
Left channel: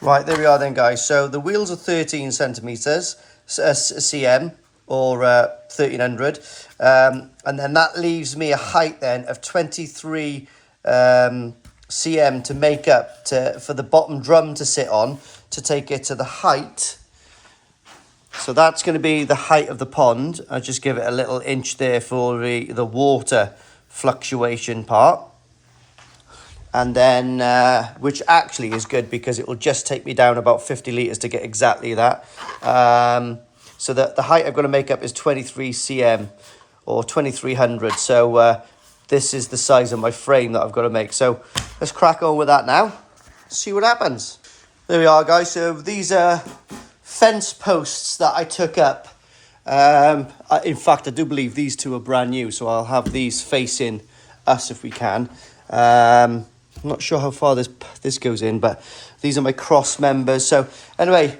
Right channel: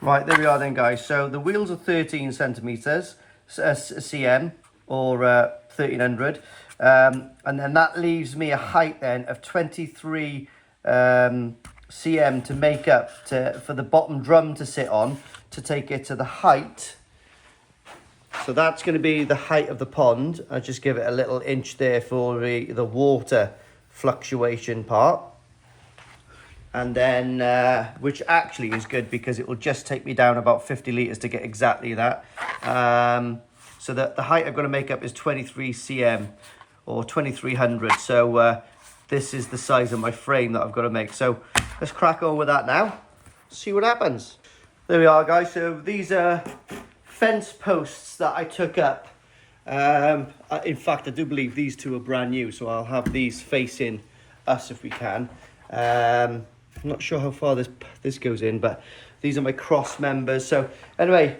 there we are then, guys. So the wheels are 13 centimeters, cm, or 1300, and then that leaves me a height then of 23 cm to make up for the bottom drum to sit on, to take it to the height. So that's going to be the height of the pond. I'll just give it a little inch there for the water fluctuation part. And then, which actually is good because it will just take me down about 50 litres to get exactly that. So the height I've got to make up is 23 cm or 2300. So this is the size of my frame that I've got to make. So let's crack on with that now. See what happens. There we are, guys. So these are fence posts that I took up. In fact, I do believe these two are brand new. So I'll have these facing us if we can. I'm not sure how far this goes in, but these are my cross members. So anyway,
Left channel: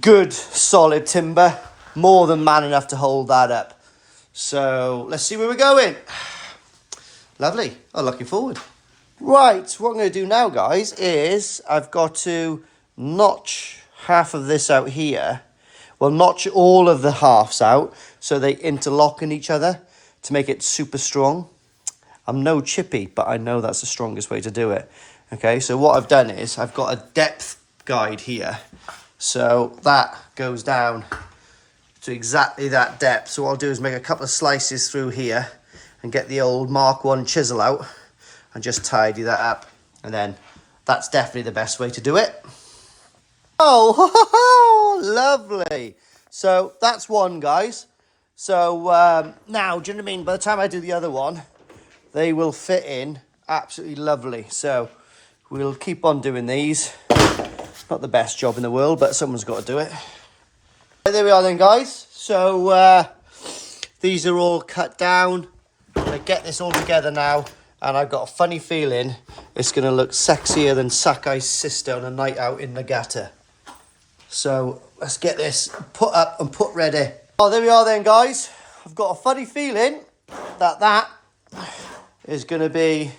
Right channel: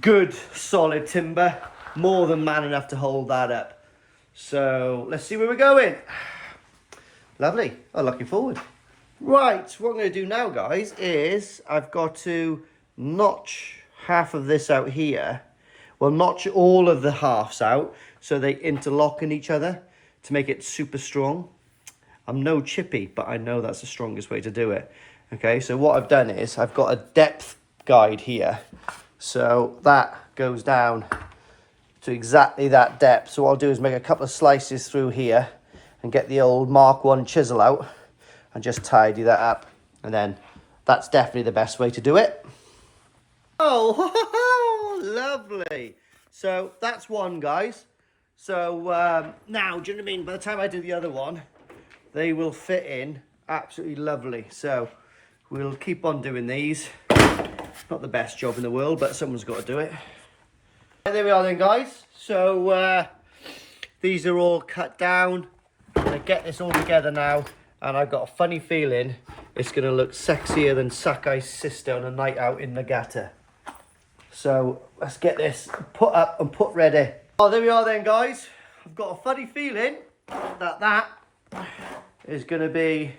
good solid timber, more than man enough to hold that up. So let's see where we're going. Lovely. I'm looking forward. Right, what I'm going to do now, guys, is I've got to notch half of this out here. Well, notch all of the halves out so they interlock in each other to make it super strong. I'm no chippy, but I know that's the strongest way to do it. Okay, so what I've done is I've got a depth guide here. So that goes down to exactly that depth. So what I'll do is make a couple of slices through here and get the old Mark 1 chisel out and just tidy that up. And then that's definitely the best way to do it. Oh, lovely. So that's one, guys. So now, do you know what I mean? By the time I do the other one, they will fit in absolutely lovely. So we'll keep on doing these. Not the best job in the world, but someone's got to do it. There we are then, guys. So these are all cut down. I'm going to get this all together now. And I've got a funny feeling it's going to look sexier than Sakai's sister on a night out in Nagata. So let's get this put up and put ready. Oh, there we are then, guys. I've got a funny feeling that is going to be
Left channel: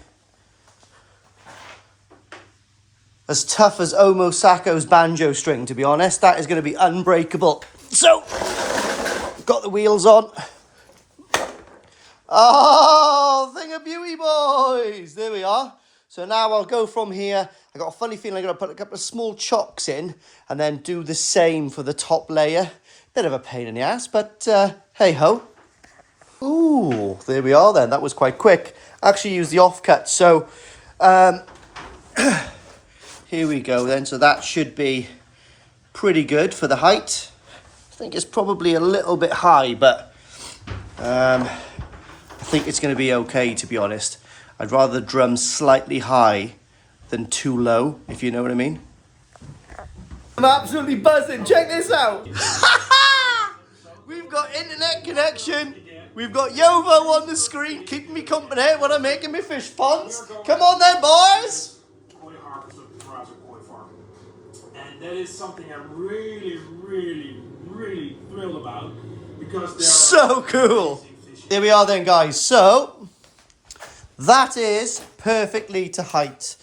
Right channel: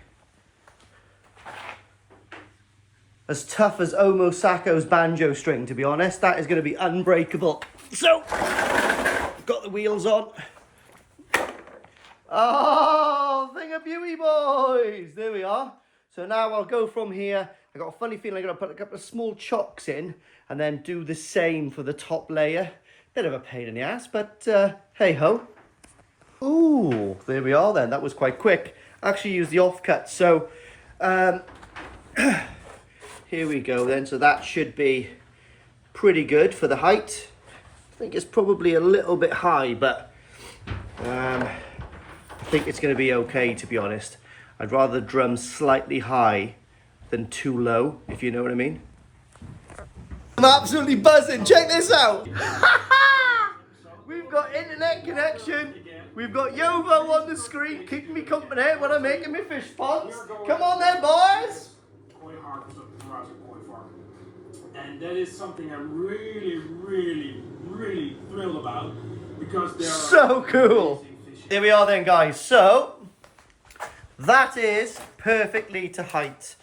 as tough as Omo Sako's banjo string, to be honest. That is going to be unbreakable. So, got the wheels on. Oh, thing of beauty, boys. There we are. So now I'll go from here. I got a funny feeling I'm going to put a couple of small chocks in and then do the same for the top layer. Bit of a pain in the ass, but hey-ho. Ooh, there we are then. That was quite quick. Actually used the offcut. So here we go then. So that should be pretty good for the height. I think it's probably a little bit high, but I think it's going to be okay, to be honest. I'd rather drum slightly high than too low, if you know what I mean. I'm absolutely buzzing. Check this out. We've got internet connection. We've got Yovo on the screen keeping me company when I'm making my fish ponds. Come on then, boys. And that is something I'm really thrilled about, because they're so cool. There we are then, guys. So that is perfectly to height.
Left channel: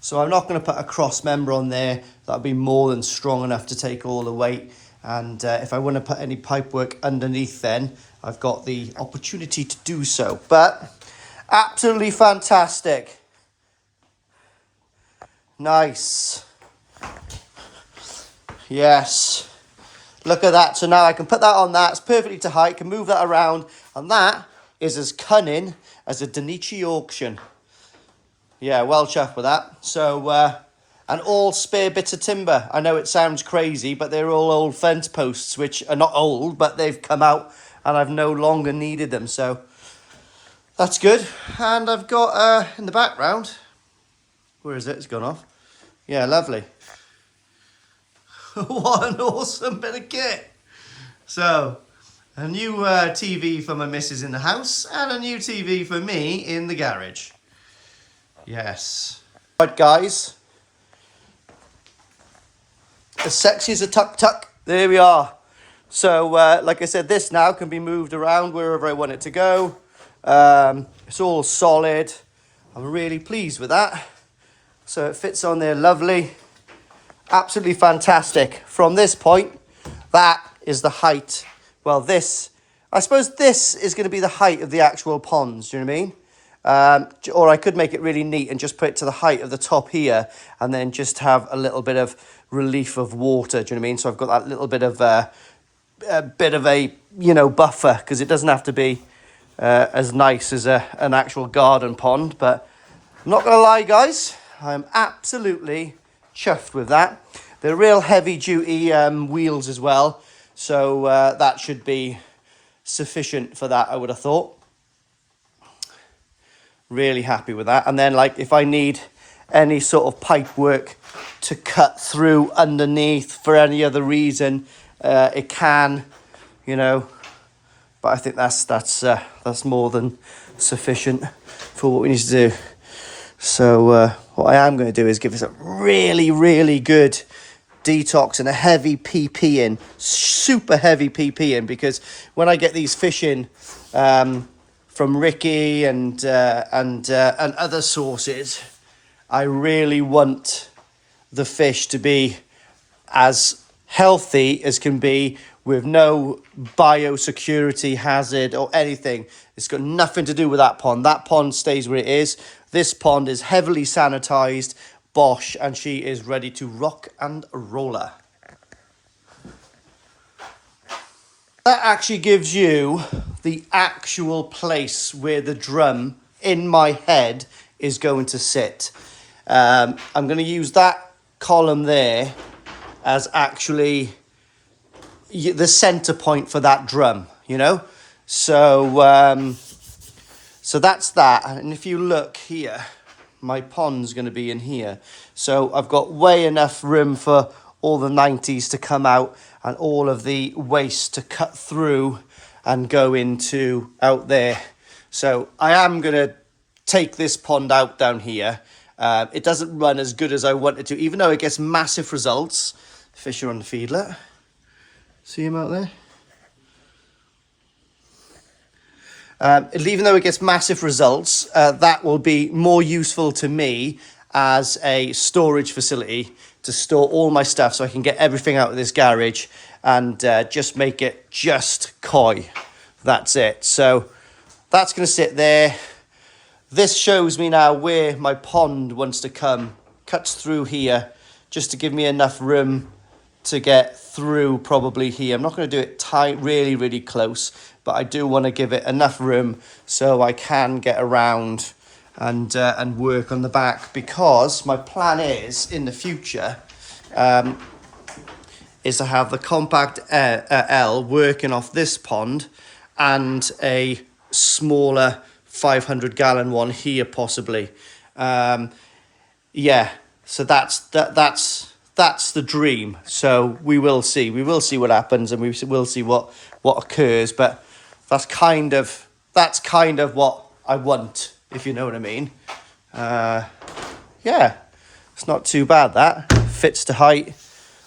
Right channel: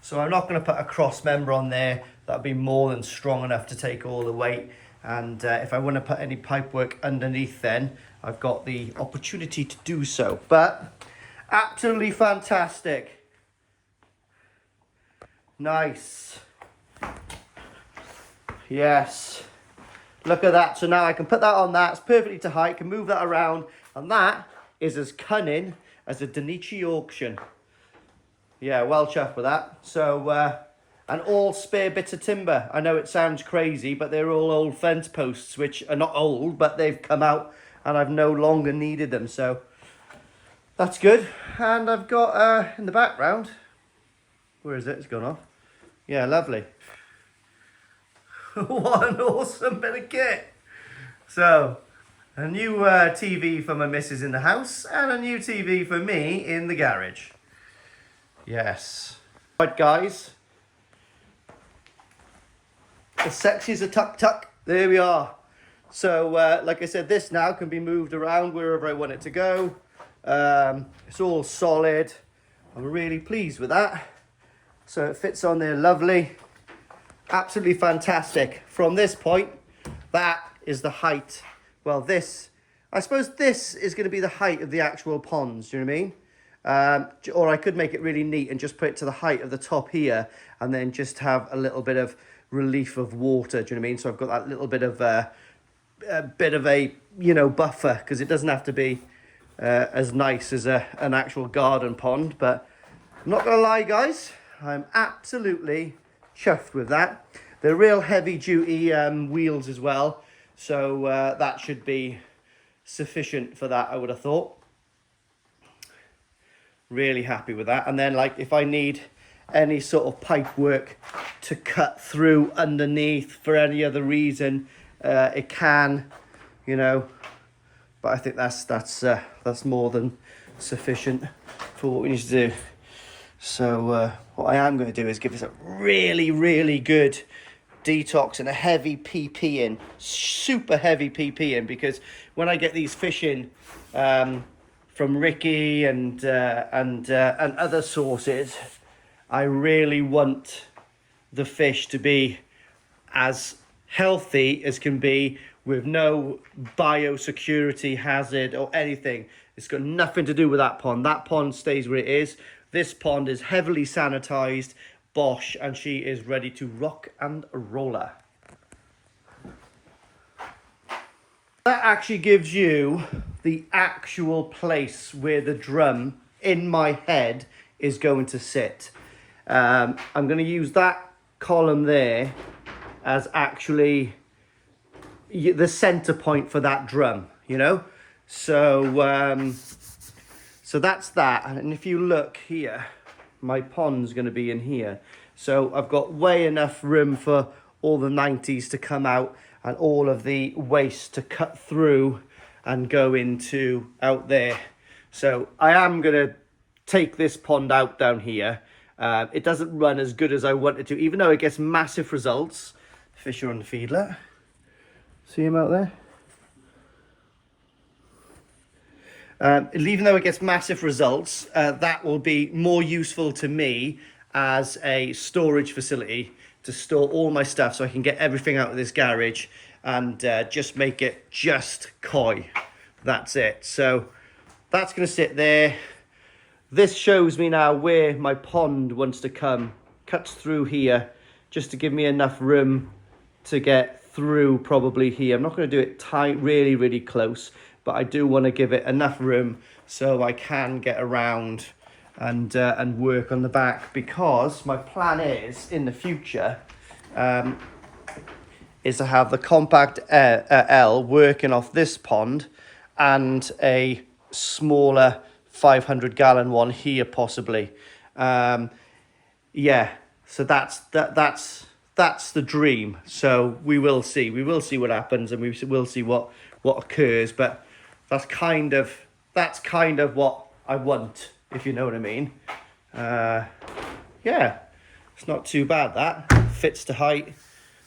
So I'm not going to put a cross member on there. That'll be more than strong enough to take all the weight. And if I want to put any pipework underneath, then I've got the opportunity to do so. But absolutely fantastic. Nice. Yes. Look at that. So now I can put that on that. It's perfectly to height. Can move that around. And that is as cunning as a Danichi auction. Yeah, well chuffed with that. So, and all spare bits of timber. I know it sounds crazy, but they're all old fence posts, which are not old, but they've come out and I've no longer needed them. So that's good. And I've got in the background, where is it? It's gone off. Yeah, lovely. What an awesome bit of kit. So, a new TV for my missus in the house and a new TV for me in the garage. Yes. Right, guys. As sexy as a tuk-tuk. There we are. So, like I said, this now can be moved around wherever I want it to go. It's all solid. I'm really pleased with that. So it fits on there lovely. Absolutely fantastic. From this point, that is the height. Well, this, I suppose this is going to be the height of the actual ponds. Do you know what I mean? Or I could make it really neat and just put it to the height of the top here and then just have a little bit of relief of water. Do you know what I mean? So I've got that little bit of a you know, buffer, because it doesn't have to be as nice as an actual garden pond. But I'm not going to lie, guys, I'm absolutely chuffed with that. They're real heavy duty wheels as well. So that should be sufficient for that, I would have thought. Really happy with that. And then, like, if I need any sort of pipe work to cut through underneath for any other reason, it can, you know. But I think that's more than sufficient for what we need to do. So what I am going to do is give this a really, really good detox and a heavy PP in, super heavy PP in, because when I get these fish in from Ricky and other sources, I really want the fish to be as healthy as can be, with no biosecurity hazard or anything. It's got nothing to do with that pond. That pond stays where it is. This pond is heavily sanitized, Bosch, and she is ready to rock and roller. That actually gives you the actual place where the drum in my head is going to sit. I'm going to use that column there as actually the center point for that drum, you know. So so that's that. And if you look here, my pond's going to be in here. So I've got way enough room for all the 90s to come out and all of the waste to cut through and go into out there. So I am going to take this pond out down here. It doesn't run as good as I want it to, even though it gets massive results. Fish are on the feedlet. See him out there? Even though it gets massive results, that will be more useful to me as a storage facility to store all my stuff, so I can get everything out of this garage and just make it just koi. That's it. So that's going to sit there. This shows me now where my pond wants to come. Cuts through here just to give me enough room to get through probably here. I'm not going to do it tight, really, really close, but I do want to give it enough room so I can get around and work on the back, because my plan is in the future is to have the compact L working off this pond and a smaller 500-gallon one here possibly. Yeah, so that's the dream. So we will see what happens, and we will see what occurs, but that's kind of what I want, if you know what I mean. Yeah, it's not too bad. That fits to height.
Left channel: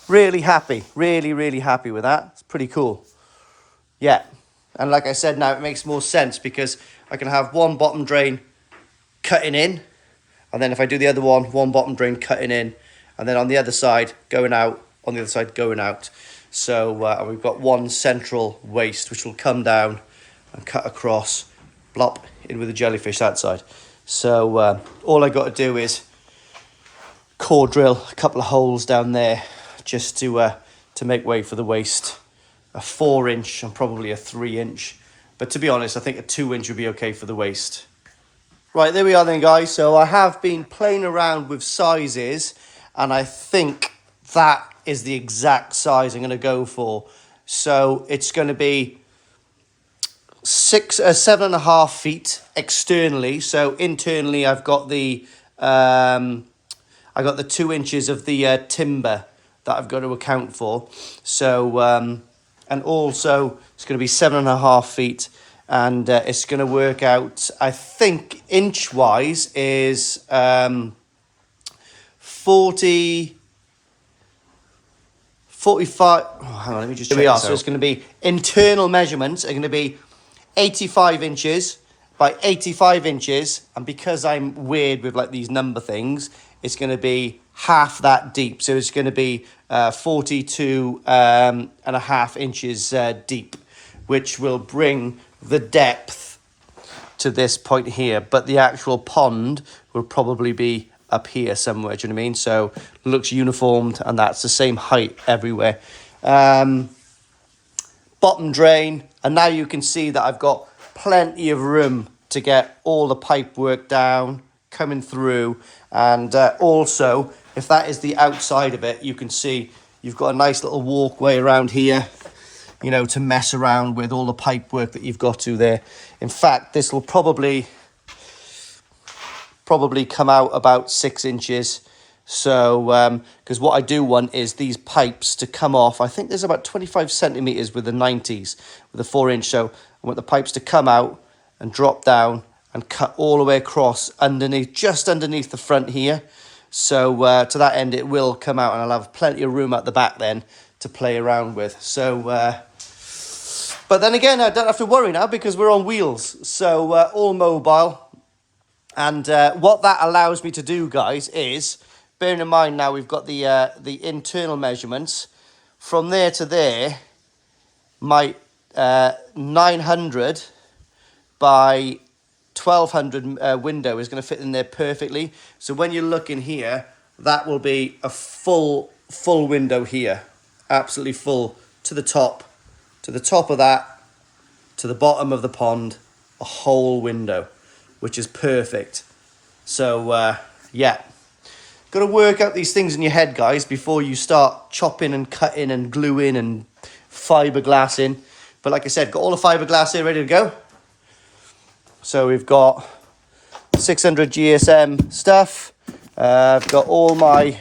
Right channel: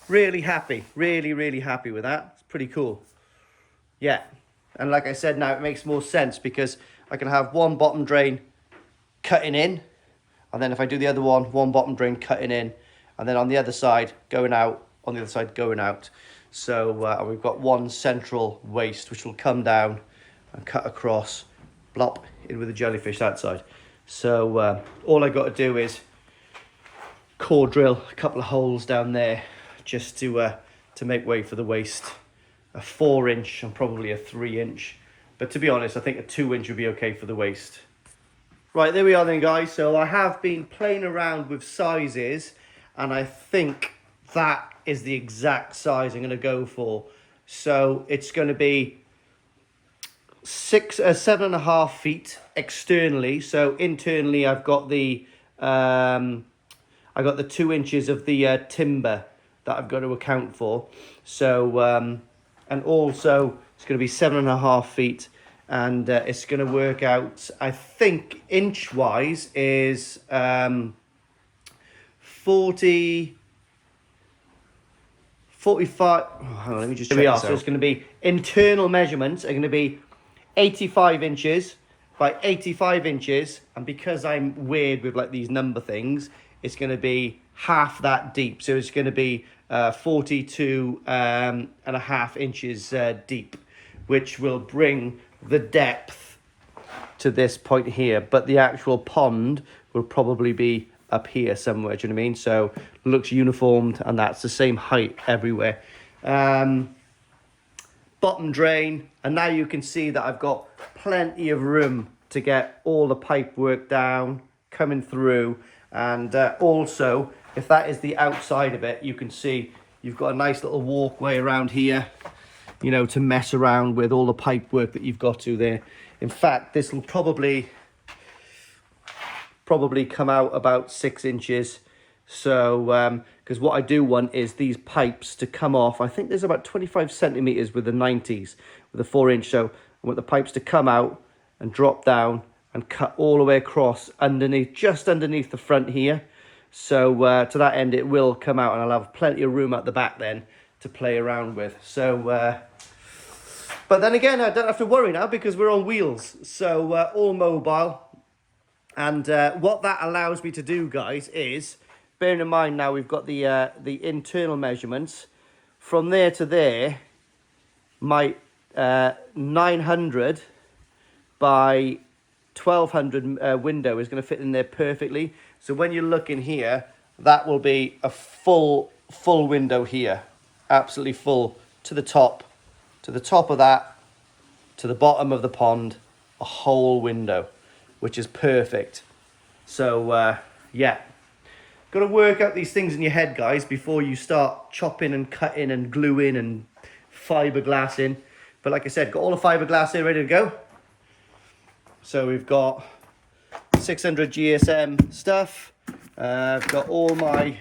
Really happy, really happy with that. It's pretty cool. Yeah, And like I said, now it makes more sense because I can have one bottom drain cutting in, and then if I do the other one bottom drain cutting in, and then on the other side going out, on the other side going out. So and we've got one central waste which will come down and cut across, blop, in with the jellyfish that side. So all I got to do is core drill a couple of holes down there just to make way for the waste. A 4-inch and probably a 3-inch. But to be honest, I think a 2-inch would be okay for the waste. Right, there we are then, guys. So I have been playing around with sizes, and I think that is the exact size I'm going to go for. So it's going to be 7.5 feet externally. So internally, I've got the 2 inches of the timber that I've got to account for. So and also it's going to be 7.5 feet, and it's going to work out, I think, inch wise is 45. Oh, hang on, let me just check this out. So it's going to be internal measurements are going to be 85 inches by 85 inches, and because I'm weird with like these number things, it's going to be half that deep. So it's going to be 42.5 inches deep, which will bring the depth to this point here. But the actual pond will probably be up here somewhere, do you know what I mean? So it looks uniformed, and that's the same height everywhere. Bottom drain, and now you can see that I've got plenty of room to get all the pipe work down, coming through. And also, if that is the outside of it, you can see you've got a nice little walkway around here, you know, to mess around with all the pipe work that you've got to there. In fact, this will probably come out about 6 inches. So, because what I do want is these pipes to come off. I think there's about 25 centimeters with the 90s, with the 4-inch. So I want the pipes to come out and drop down and cut all the way across underneath, just underneath the front here. So to that end, it will come out, and I'll have plenty of room at the back then to play around with. So, but then again, I don't have to worry now because we're on wheels. So all mobile. And what that allows me to do, guys, is, bearing in mind now we've got the internal measurements, from there to there, my 900 by 1200 window is going to fit in there perfectly. So when you look in here, that will be a full window here, absolutely full, to the top of that, to the bottom of the pond, a whole window, which is perfect. So yeah, got to work out these things in your head, guys, before you start chopping and cutting and gluing and fiberglassing. But like I said, got all the fiberglass here ready to go. So we've got 600 GSM stuff. I've got all my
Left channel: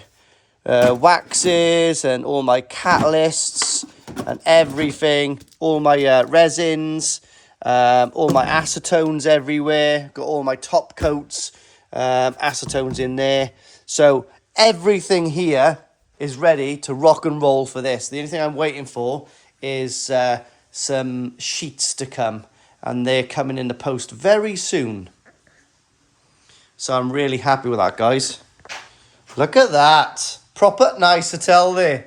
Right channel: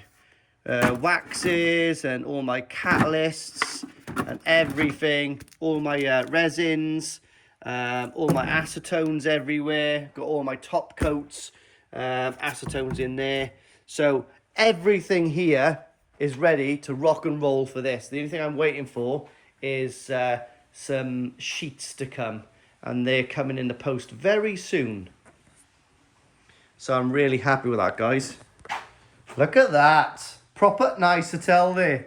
waxes and all my catalysts and everything. All my resins, all my acetones everywhere. Got all my top coats, acetones in there. So everything here is ready to rock and roll for this. The only thing I'm waiting for is some sheets to come. And they're coming in the post very soon. So I'm really happy with that, guys. Look at that. Proper nice hotel there.